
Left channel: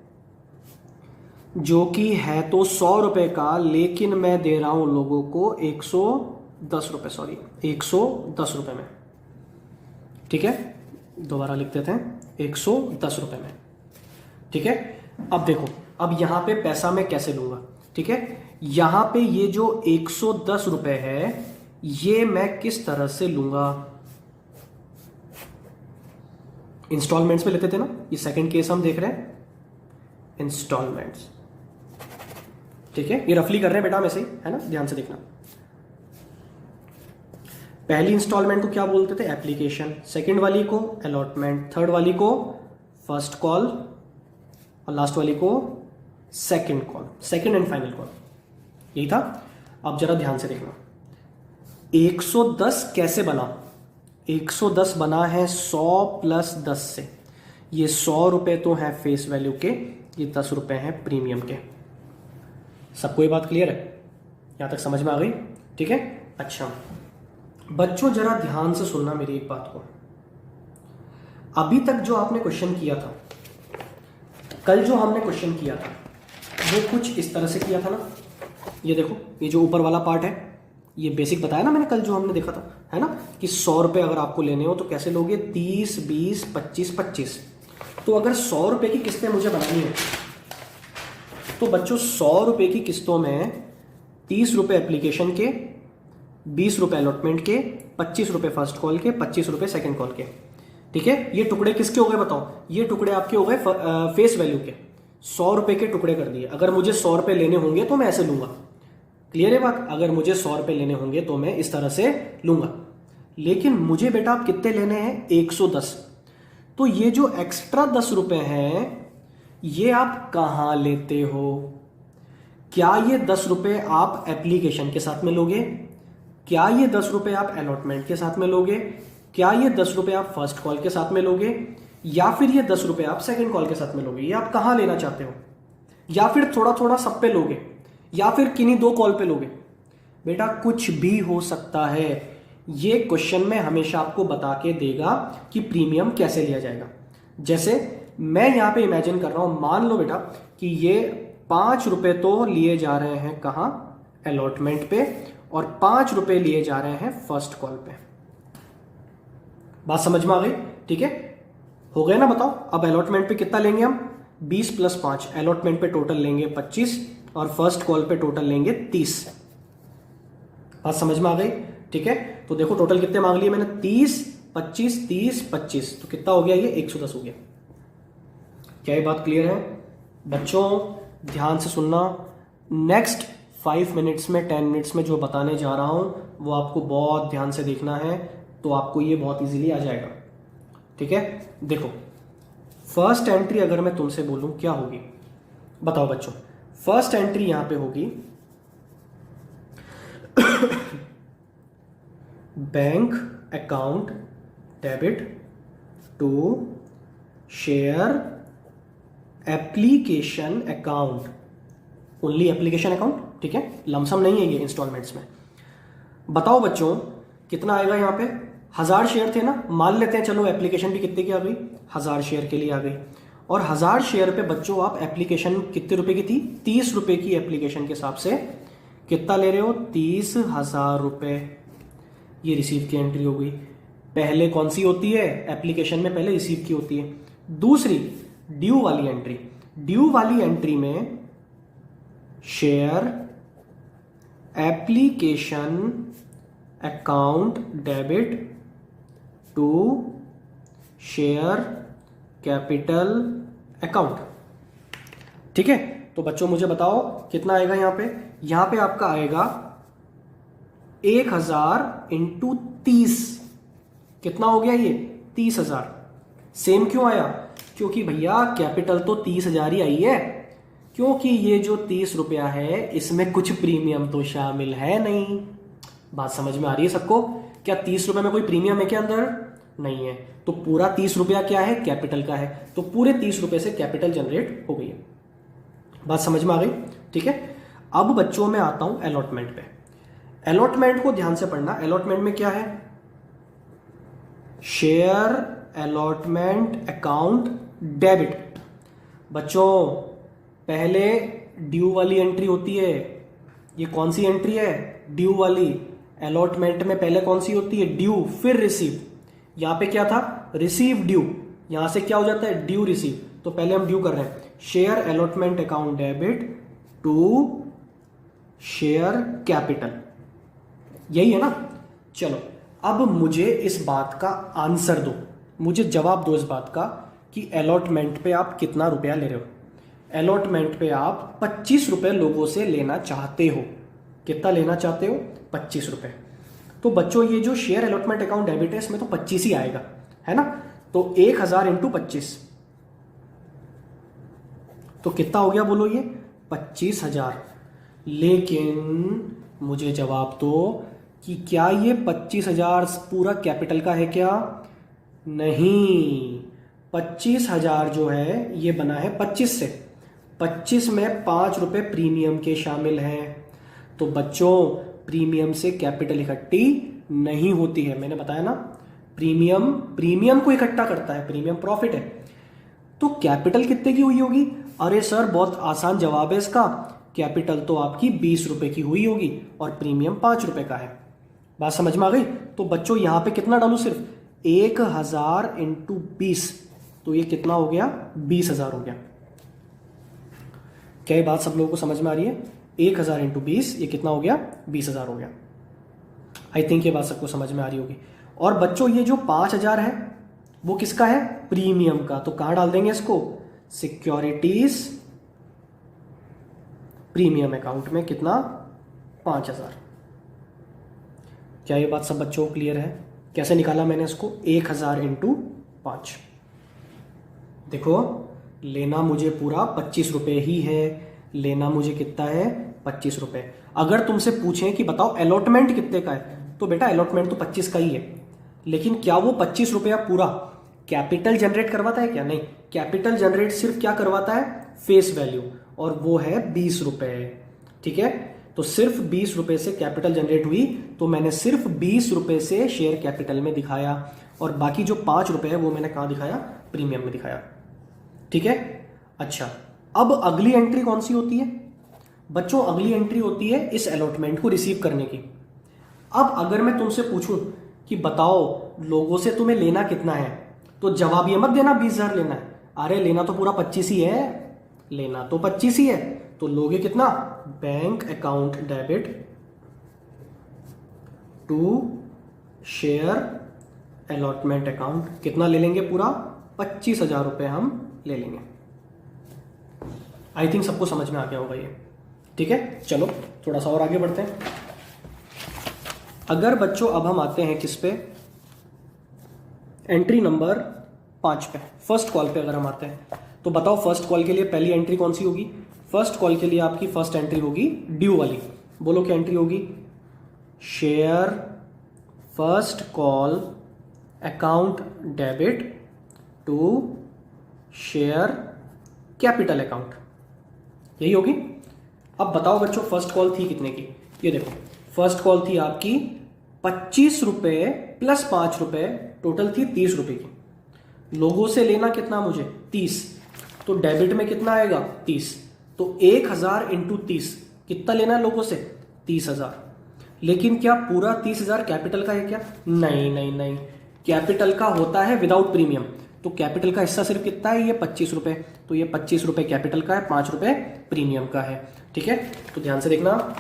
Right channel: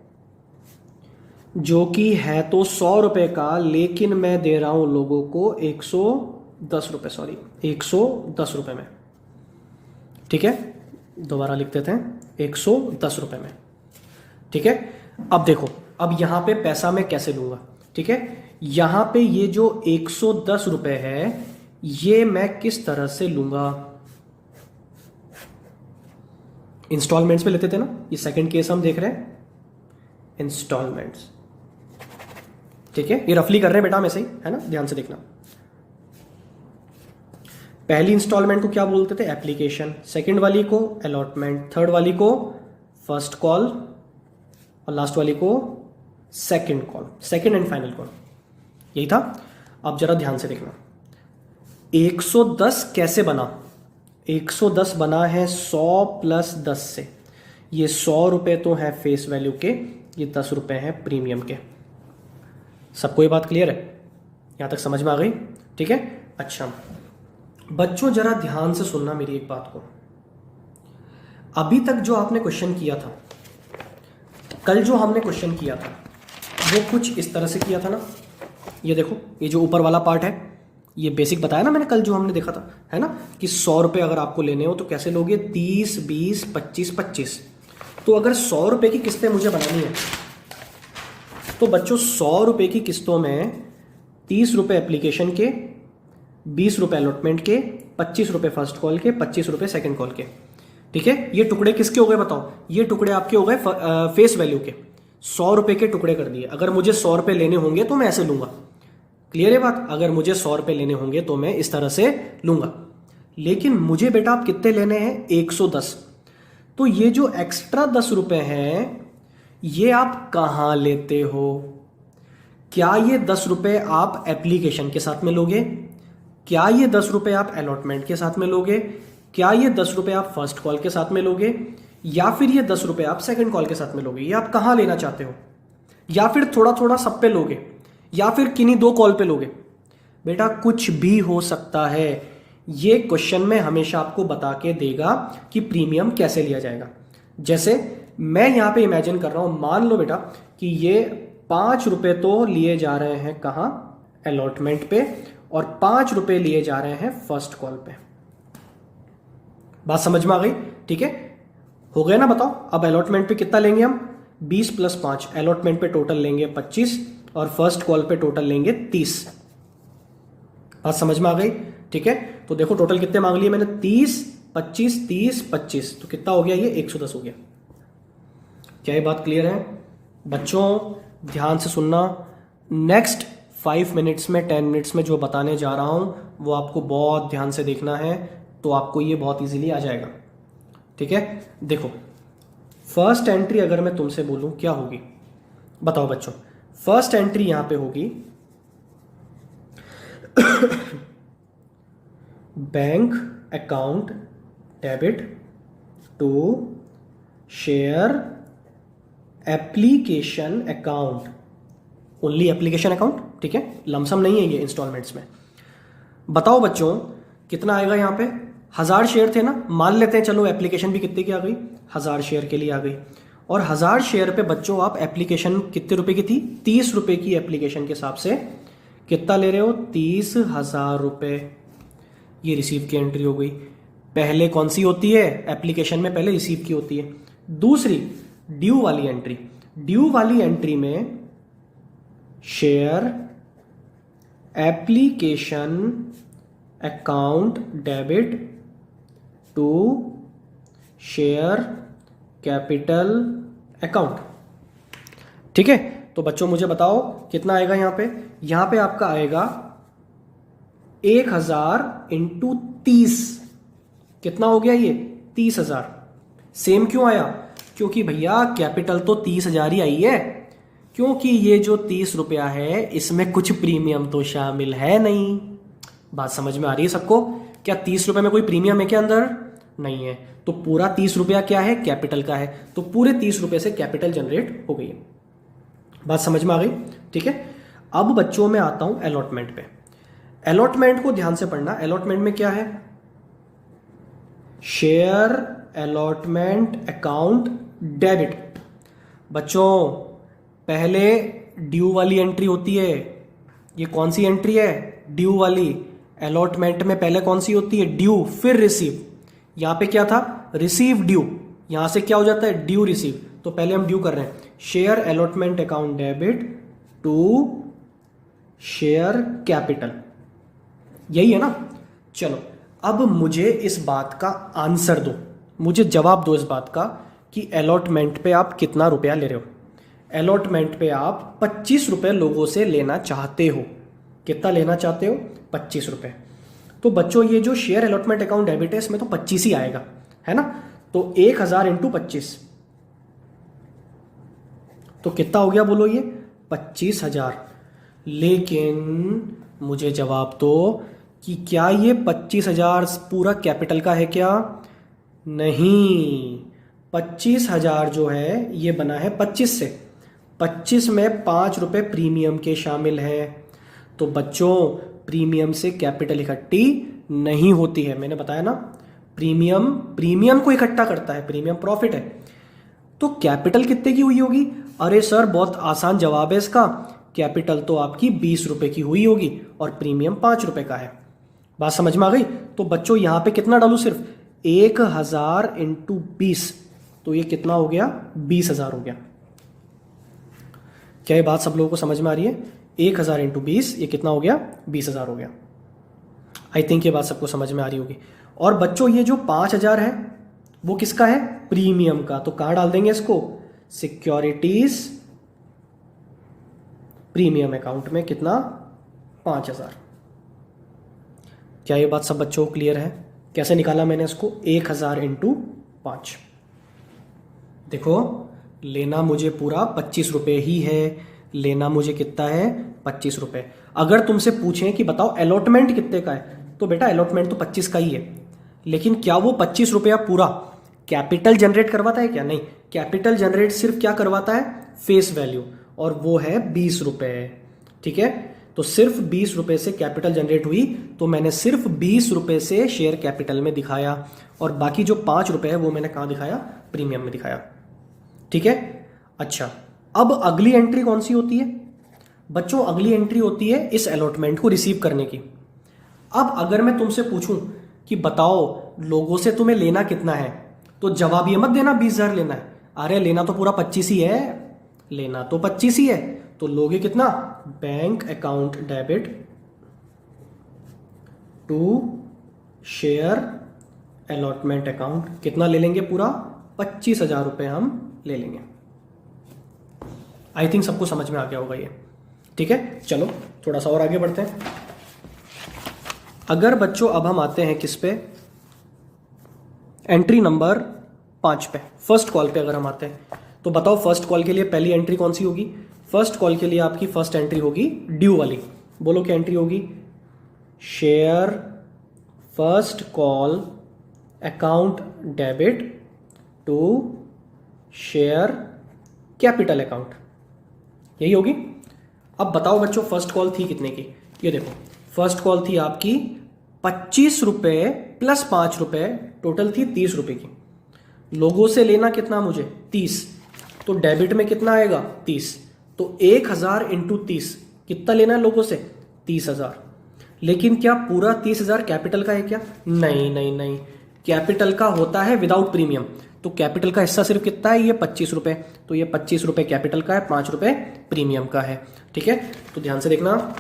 जो कि है तो 100 रुपए का, लेकिन मैं दे रहा हूं लोगों को 110 रुपए, सॉरी 110 रुपए में, ठीक है? दोबारा लिख देते हैं, 110 रुपए में, ठीक है? अब देखो, अब यहां पे पैसा मैं कैसे लूंगा, ठीक है? यहां पे ये जो 110 रुपए है, ये मैं किस तरह से लूंगा? इंस्टॉलमेंट्स में लेते थे ना, ये सेकंड केस हम देख रहे हैं, इंस्टॉलमेंट्स, ठीक है? ये रफली कर रहे हैं बेटा, वैसे ही है ना, ध्यान से देखना। पहली इंस्टॉलमेंट को क्या बोलते थे? एप्लीकेशन। सेकंड वाली को अलॉटमेंट, थर्ड वाली को फर्स्ट कॉल, और लास्ट वाली को second call, second and final call. यही था। अब जरा ध्यान से देखना, 110 कैसे बना? 110 बना है 100 प्लस 10 से। ये 100 रुपए तो है फेस वैल्यू के, ये 10 रुपए है प्रीमियम के। सबको ये बात क्लियर है? यहां तक समझ में आ गई? ठीक है। अच्छा बच्चों जरा ध्यान से सुनना मेरी एक बात को। अभी तक जो आपने क्वेश्चन किया था, कल जो हमने क्वेश्चन किया था, वो कुछ इस तरह से किया था ना। ये देखो, ये जो ऊपर वाला पार्ट है, ये बेसिक बताया ना मैंने कल जो हमने देखा था, है ना, कि 100 रुपए अगर आपको लेने हो तो कैसे लोगे? 30, 20, 25, 25। तो अगर 100 रुपए की किस्तें मुझे बनानी है तो बच्चों 100 रुपए की किस्तों में 30 रुपए एप्लीकेशन के, ₹20 अलॉटमेंट के, ₹25 फर्स्ट कॉल के, ₹25 सेकंड कॉल के। ठीक है, ये टुकड़े किसके हो गए बताओ? ये टुकड़े आपके हो गए फेस वैल्यू के। ₹100 के टुकड़े कर दिए। अगर मुझे ₹100 लेने होंगे तो मैं ऐसे लूंगा। क्लियर है बात? अगर मुझे ₹100 लेने होंगे तो मैं इस तरह से लूंगा। लेकिन मुझे बेटा आप कितने लेने हैं? 110। तो ये जो एक्स्ट्रा ₹10 हैं ये आप कहां लेते हो? क्या ये ₹10 आप एप्लीकेशन के साथ में लोगे? क्या ये ₹10 आप अलॉटमेंट के साथ में लोगे? क्या ये ₹10 आप फर्स्ट कॉल के साथ में लोगे? या फिर ये ₹10 आप सेकंड कॉल के साथ में लोगे? ये आप कहां लेना चाहते हो? या फिर थोड़ा थोड़ा सब पे लोगे? या फिर किन्हीं 2 कॉल पे लोगे? बेटा कुछ भी हो सकता है। ये क्वेश्चन में हमेशा आपको बता के देगा कि प्रीमियम कैसे लिया जाएगा। जैसे मैं यहां पे इमेजिन कर रहा हूं, मान लो बेटा कि ये ₹5 तो लिए जा रहे हैं कहां? अलॉटमेंट पे, और ₹5 लिए जा रहे हैं फर्स्ट कॉल पे। बात समझ में आ गई? ठीक है, हो गए ना? बताओ अब अलॉटमेंट पे कितना लेंगे हम? 20 + 5। अलॉटमेंट पे टोटल लेंगे 25 और फर्स्ट कॉल पे टोटल लेंगे 30। बात समझ में आ गई? ठीक है, तो देखो टोटल कितने मांग लिए मैंने? 30, 25, 30, 25। तो कितना हो गया? ये 110 हो गया। क्या ये बात क्लियर है? बच्चों ध्यान से सुनना। नेक्स्ट 5 मिनट्स में, 10 मिनट्स में जो बताने जा रहा हूं वो आपको बहुत ध्यान से देखना है, तो आपको ये बहुत इजीली आ जाएगा। ठीक है, देखो फर्स्ट एंट्री अगर मैं तुमसे बोलूं क्या होगी? बताओ बच्चों। फर्स्ट एंट्री यहां पे होगी bank account debit to share application account, only application account. ठीक है, लमसम नहीं है ये इंस्टॉलमेंट्स में। बताओ बच्चों कितना आएगा? यहां पे 1000 शेयर थे ना, मान लेते हैं चलो एप्लीकेशन भी कितने की आ गई? 1000 शेयर के लिए आ गई। और 1000 शेयर पे बच्चों आप एप्लीकेशन कितने रुपए की थी? ₹30 की एप्लीकेशन के हिसाब से कितना ले रहे हो? ₹30,000। ये रिसीव की एंट्री हो गई। पहले कौन सी होती है? एप्लीकेशन में पहले रिसीव की होती है। दूसरी ड्यू वाली एंट्री। ड्यू वाली एंट्री में share application account debit to share capital account. ठीक है, तो बच्चों मुझे बताओ कितना आएगा यहां पे? यहां पे आपका आएगा 1000 × 30। कितना हो गया ये? 30,000। सेम क्यों आया? क्योंकि भैया कैपिटल तो 30,000 ही आई है, क्योंकि ये जो ₹30 है इसमें कुछ प्रीमियम तो शामिल है नहीं। बात समझ में आ रही है सबको? क्या ₹30 में कोई प्रीमियम है क्या अंदर? नहीं है। तो पूरा ₹30 क्या है? कैपिटल का है। तो पूरे ₹30 से कैपिटल जनरेट हो गई है। बात समझ में आ गई? ठीक है, अब बच्चों में आता हूं अलॉटमेंट पे। अलॉटमेंट को ध्यान से पढ़ना। अलॉटमेंट में क्या है? Share allotment account debit. बच्चों पहले ड्यू वाली एंट्री होती है। ये कौन सी एंट्री है? ड्यू वाली। अलॉटमेंट में पहले कौन सी होती है? ड्यू, फिर रिसीव। यहां पे क्या था? Receive due. यहां से क्या हो जाता है? Due receive. तो पहले हम ड्यू कर रहे हैं। Share allotment account debit to share capital, यही है ना? चलो अब मुझे इस बात का आंसर दो, मुझे जवाब दो इस बात का कि अलॉटमेंट पे आप कितना रुपया ले रहे हो? अलॉटमेंट पे आप ₹25 लोगों से लेना चाहते हो। कितना लेना चाहते हो? ₹25। तो बच्चों ये जो शेयर अलॉटमेंट अकाउंट डेबिट है इसमें तो 25 ही आएगा, है ना? तो 1000 × 25 तो कितना हो गया बोलो? ये 25,000। लेकिन मुझे जवाब दो कि क्या ये 25,000 पूरा कैपिटल का है क्या? नहीं, 25,000 जो है ये बना है 25 से। 25 में ₹5 प्रीमियम के शामिल है। तो बच्चों प्रीमियम से कैपिटल इकट्ठी नहीं होती है। मैंने बताया ना, प्रीमियम को इकट्ठा करता है, प्रीमियम प्रॉफिट है। तो कैपिटल कितने की हुई होगी? अरे सर बहुत आसान जवाब है इसका। कैपिटल तो आपकी ₹20 की हुई होगी और प्रीमियम ₹5 का है। बात समझ में आ गई? तो बच्चों यहां पे कितना डालू? सिर्फ 1000 × 20। तो ये कितना हो गया? 20,000 हो गया। क्या ये बात सब लोगों को समझ में आ रही है? 1000 × 20 ये कितना हो गया? 20,000 हो गया। आई थिंक ये बात सबको समझ में आ रही होगी। और बच्चों ये जो 5,000 है वो किसका है? प्रीमियम का। तो कहां डाल देंगे इसको? सिक्योरिटीज प्रीमियम अकाउंट में। कितना? 5,000। क्या ये बात सब बच्चों को क्लियर है? कैसे निकाला मैंने इसको? 1,000 इंटू 5। देखो, लेना मुझे पूरा 25 रुपए ही है। लेना मुझे कितना है? 25 रुपए। अगर तुमसे पूछें कि बताओ अलॉटमेंट कितने का है, तो बेटा अलॉटमेंट तो 25 का ही है। लेकिन क्या वो 25 रुपया पूरा कैपिटल जनरेट करवाता है? क्या नहीं। कैपिटल जनरेट सिर्फ क्या करवाता है? फेस वैल्यू, और वो है 20 रुपए। ठीक है, तो सिर्फ 20 रुपए से कैपिटल जनरेट हुई, तो मैंने सिर्फ 20 रुपए से शेयर कैपिटल में दिखाया, और बाकी जो 5 रुपए है वो मैंने कहां दिखाया? प्रीमियम में दिखाया। ठीक है। अच्छा, अब अगली एंट्री कौन सी होती है बच्चों? अगली एंट्री होती है इस अलॉटमेंट को रिसीव करने की। अब अगर मैं तुमसे पूछूं कि बताओ लोगों से तुम्हें लेना कितना है, तो जवाब ये मत देना 20,000 लेना है। अरे लेना तो पूरा 25 ही है। लेना तो 25 ही है, तो लोगे कितना? Bank account debit to share allotment account. कितना ले लेंगे? पूरा 25,000 रुपए हम ले लेंगे। आई थिंक सबको समझ में आ गया होगा ये। ठीक है, चलो थोड़ा सा और आगे बढ़ते हैं। अगर बच्चों अब हम आते हैं किस पे? एंट्री नंबर 5 पे, फर्स्ट कॉल पे अगर हम आते हैं, तो बताओ फर्स्ट कॉल के लिए पहली एंट्री कौन सी होगी? फर्स्ट कॉल के लिए आपकी फर्स्ट एंट्री होगी ड्यू वाली। बोलो क्या एंट्री होगी? Share first call account debit to share capital account, यही होगी। अब बताओ बच्चों फर्स्ट कॉल थी कितने की? ये देखो, फर्स्ट कॉल थी आपकी 25 रुपए प्लस 5 रुपए, टोटल थी 30 रुपए की। लोगों से लेना कितना मुझे? 30। तो डेबिट में कितना आएगा? 30। तो 1,000 इंटू 30 कितना लेना है लोगों से? 30,000। लेकिन क्या पूरा 30,000 कैपिटल का है क्या? नहीं नहीं नहीं, कैपिटल का होता है विदाउट प्रीमियम। तो कैपिटल का हिस्सा सिर्फ कितना है? ये 25 रुपए। तो ये 25 रुपए कैपिटल का है, 5 रुपए प्रीमियम का है। ठीक है, तो ध्यान से देखना,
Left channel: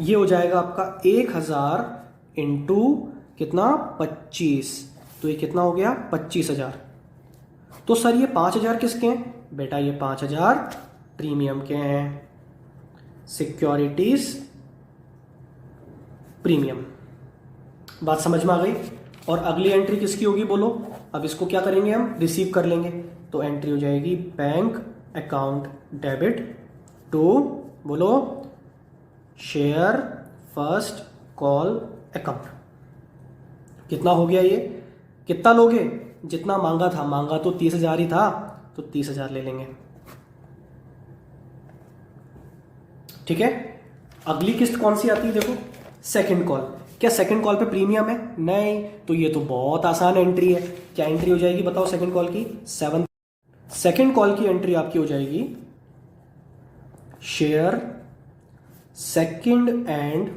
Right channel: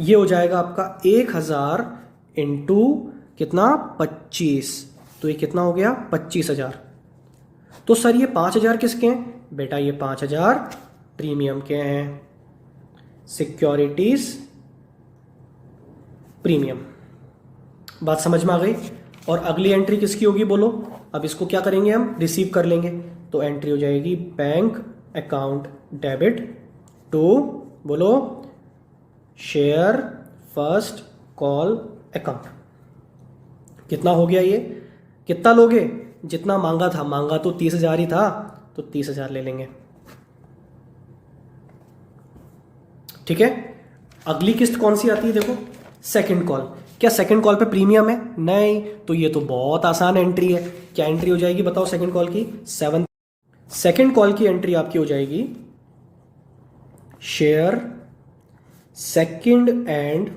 ये हो जाएगा आपका 1,000 इंटू कितना? 25। तो ये कितना हो गया? 25,000। तो सर ये 5,000 किसके हैं? बेटा ये 5,000 प्रीमियम के हैं, सिक्योरिटीज प्रीमियम। बात समझ में आ गई? और अगली एंट्री किसकी होगी बोलो? अब इसको क्या करेंगे हम? रिसीव कर लेंगे। तो एंट्री हो जाएगी बैंक अकाउंट डेबिट टू, बोलो, शेयर फर्स्ट कॉल अकाउंट। कितना हो गया ये? कितना लोगे? जितना मांगा था। मांगा तो 30,000 ही था, तो 30,000 ले लेंगे। ठीक है, अगली किस्त कौन सी आती है? देखो, सेकंड कॉल। क्या सेकंड कॉल पे प्रीमियम है? नहीं। तो ये तो बहुत आसान एंट्री है। क्या एंट्री हो जाएगी बताओ सेकंड कॉल की? 7। सेकंड कॉल की एंट्री आपकी हो जाएगी share second and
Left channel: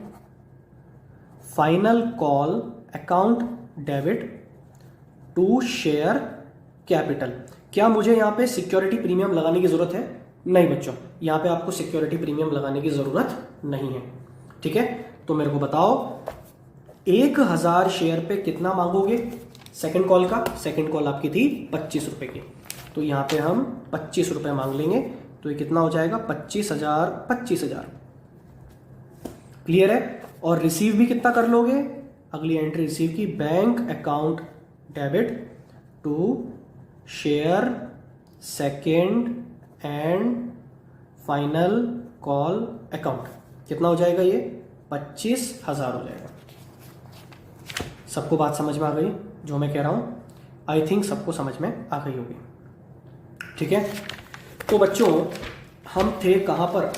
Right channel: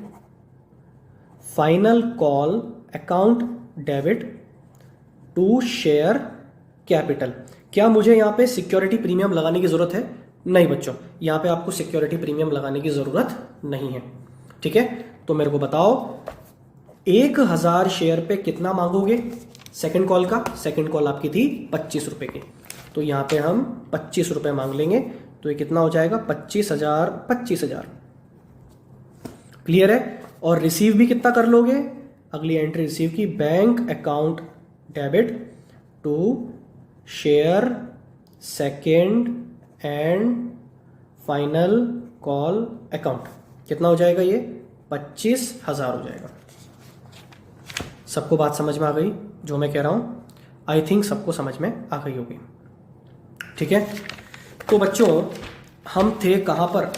final call account debit to share capital. क्या मुझे यहां पे सिक्योरिटी प्रीमियम लगाने की जरूरत है? नहीं बच्चों, यहां पे आपको सिक्योरिटी प्रीमियम लगाने की जरूरत नहीं है। ठीक है, तो मेरे को बताओ 1,000 शेयर पे कितना मांगोगे सेकंड कॉल का? सेकंड कॉल आपकी थी 25 रुपए की, तो यहां पे हम 25 रुपए मांग लेंगे। तो ये कितना हो जाएगा? 25,000। 25,000 क्लियर है? और रिसीव भी कितना कर लोगे? अगली एंट्री रिसीव की, bank account debit to share second and final call account. कितना हो जाएगा ये? 25,000 हो जाएगा। सबको बात समझ में आ गई जो मैं कह रहा हूं? आई थिंक सबको समझ में आ गई होगी। ठीक है, तो बच्चों हम थे कहां पर?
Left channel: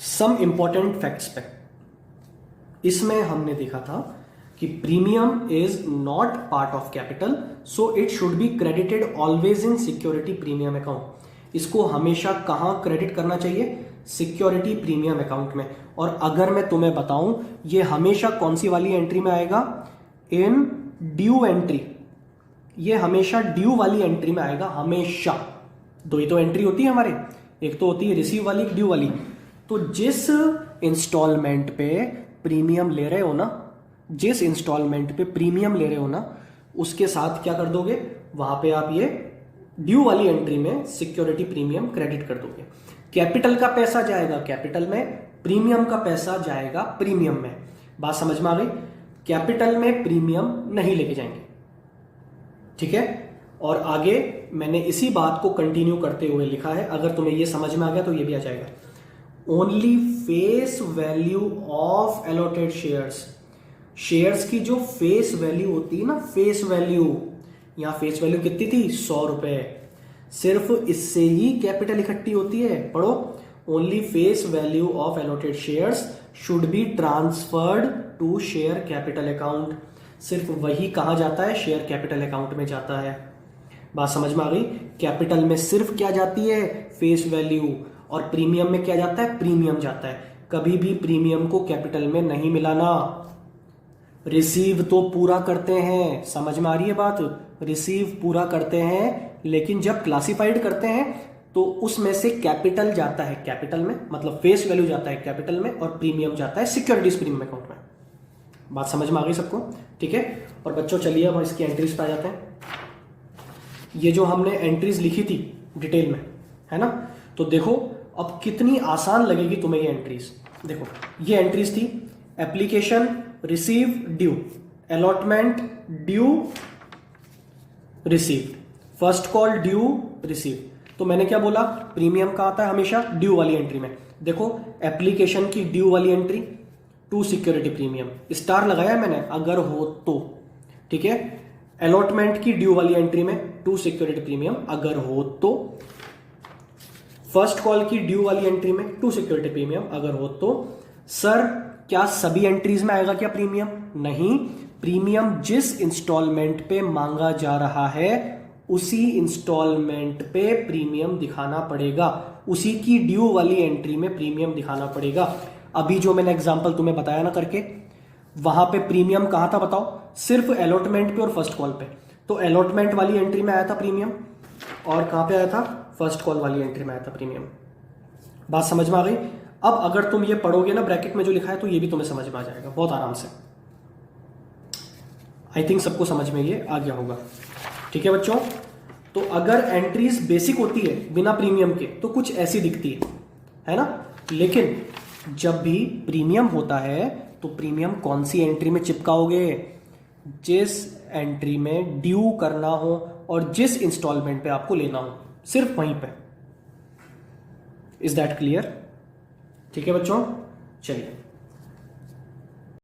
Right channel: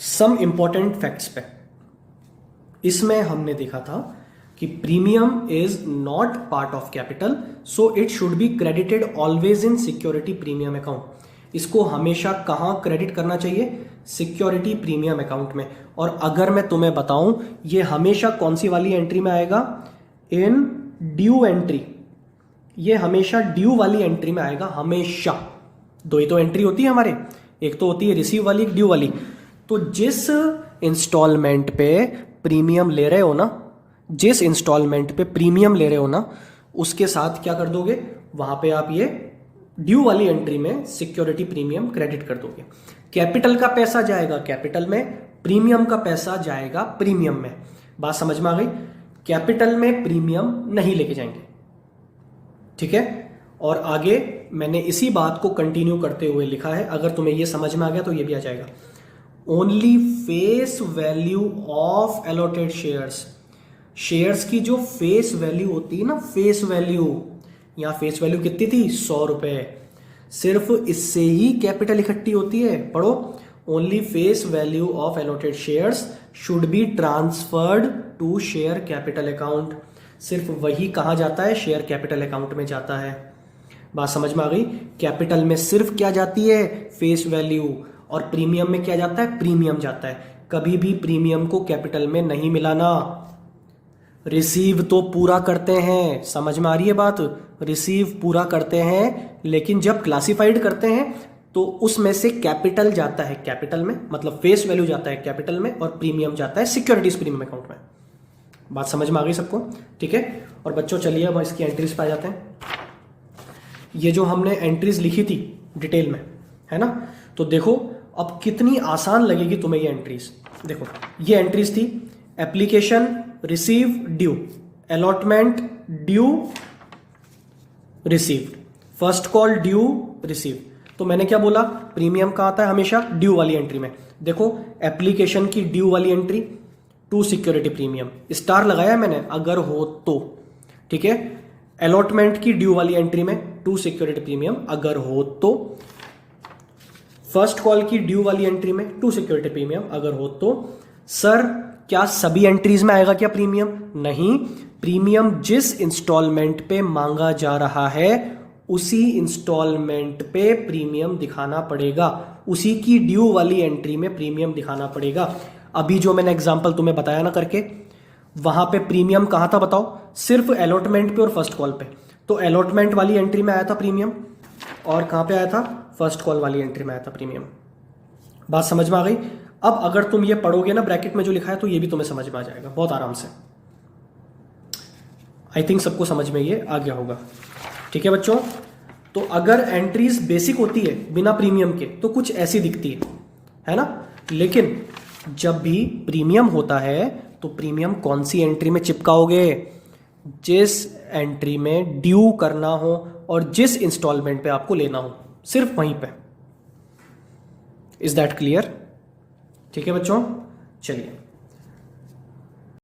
सम इंपॉर्टेंट फैक्ट्स पे। इसमें हमने देखा था कि premium is not part of capital, so it should be credited always in security premium account. इसको हमेशा कहां क्रेडिट करना चाहिए? सिक्योरिटी प्रीमियम अकाउंट में। और अगर मैं तुम्हें बताऊं, ये हमेशा कौन सी वाली एंट्री में आएगा? In due entry. ये हमेशा ड्यू वाली एंट्री में आएगा, हमेशा। दो ही तो एंट्री होती है हमारे, एक तो होती है रिसीव वाली, एक ड्यू वाली। तो जिस इंस्टॉलमेंट पे प्रीमियम ले रहे हो ना, जिस इंस्टॉलमेंट पे प्रीमियम ले रहे हो ना, उसके साथ क्या कर दोगे, वहां पे आप ये ड्यू वाली एंट्री में सिक्योरिटी प्रीमियम क्रेडिट कर दोगे। कैपिटल का पैसा जाएगा कैपिटल में, प्रीमियम का पैसा जाएगा प्रीमियम में। बात समझ में आ गई? कैपिटल में प्रीमियम नहीं लेके जाएंगे, ठीक है। और आगे मैंने इसी बात को कंटिन्यू करते हुए लिखा है, अगर तुम्हें ये समझ में आ गया तो ये भी आ जाएगा। Only face value of allotted shares, shares की जो फेस वैल्यू होती है ना, फेस वैल्यू, यहां फेस वैल्यू कितनी थी, 100 रुपए, सिर्फ इससे ही कैपिटल इकट्ठी होती है। पढ़ो, only face value of allotted shares should be transferred to share capital account, सिर्फ वही कहां जाता है, शेयर कैपिटल अकाउंट में जाता है। बात समझ में आ गई? कैपिटल में सिर्फ क्या जाती है, फेस वैल्यू, और प्रीमियम में क्या जाता है, प्रीमियम जाता है। कभी भी प्रीमियम को कैपिटल में नहीं मिलाना। रिसीव तो पूरा करते हैं, समझ में आ रही है बात, रिसीव पूरा करते हैं, लेकिन जब क्लासिफाइड करते हैं तो उसमें से कैपिटल जाता है कैपिटल में, मतलब फेस वैल्यू जाता है कैपिटल में, और प्रीमियम जाता है सिक्योरिटीज प्रीमियम अकाउंट में। बात समझ में आ गई सबको? ठीक है। और बच्चों चलिए अब इसकी एंट्रीज पे आ जाते हैं। ये जो हमने एंट्रीज लिखी थी डिटेल में, है ना, तो देखो अब कितनी आसान लगेगी तुम्हें ये एंट्रीज। देखो ये एंट्रीज थी, application, receive, due, allotment, due, received, first call, due, receive. तो मैंने क्या बोला, प्रीमियम का आता है हमेशा ड्यू वाली एंट्री में। देखो एप्लीकेशन की ड्यू वाली entry, to security premium, star लगाया मैंने अगर हो तो, ठीक है। अलॉटमेंट की ड्यू वाली एंट्री में टू सिक्योरिटी प्रीमियम अगर हो तो, फर्स्ट कॉल की ड्यू वाली एंट्री में टू सिक्योरिटी प्रीमियम अगर हो तो। सर क्या सभी एंट्रीज में आएगा क्या प्रीमियम? नहीं, प्रीमियम जिस इंस्टॉलमेंट पे मांगा जा रहा है उसी इंस्टॉलमेंट पे प्रीमियम दिखाना पड़ेगा, उसी की ड्यू वाली एंट्री में प्रीमियम दिखाना पड़ेगा। अभी जो मैंने एग्जांपल तुम्हें बताया ना करके, वहां पे प्रीमियम कहां था बताओ, सिर्फ अलॉटमेंट पे और फर्स्ट कॉल पे। तो अलॉटमेंट वाली एंट्री में आया था प्रीमियम, और कहां पे आया था, फर्स्ट कॉल वाली एंट्री में आया था प्रीमियम। बात समझ में आ गई? अब अगर तुम ये पढ़ोगे ना ब्रैकेट में जो लिखा है तो ये भी तुम्हें समझ में आ जाएगा बहुत आराम से। आई थिंक सबको समझ में ये आ गया होगा, ठीक है बच्चों। तो अगर एंट्रीज बेसिक होती है बिना प्रीमियम के तो कुछ ऐसी दिखती है ना, लेकिन जब भी प्रीमियम होता है तो प्रीमियम कौन सी एंट्री में चिपकाओगे, जिस एंट्री में ड्यू करना हो और जिस इंस्टॉलमेंट पे आपको लेना हो, सिर्फ वहीं पे। Is that clear? ठीक है बच्चों, चलिए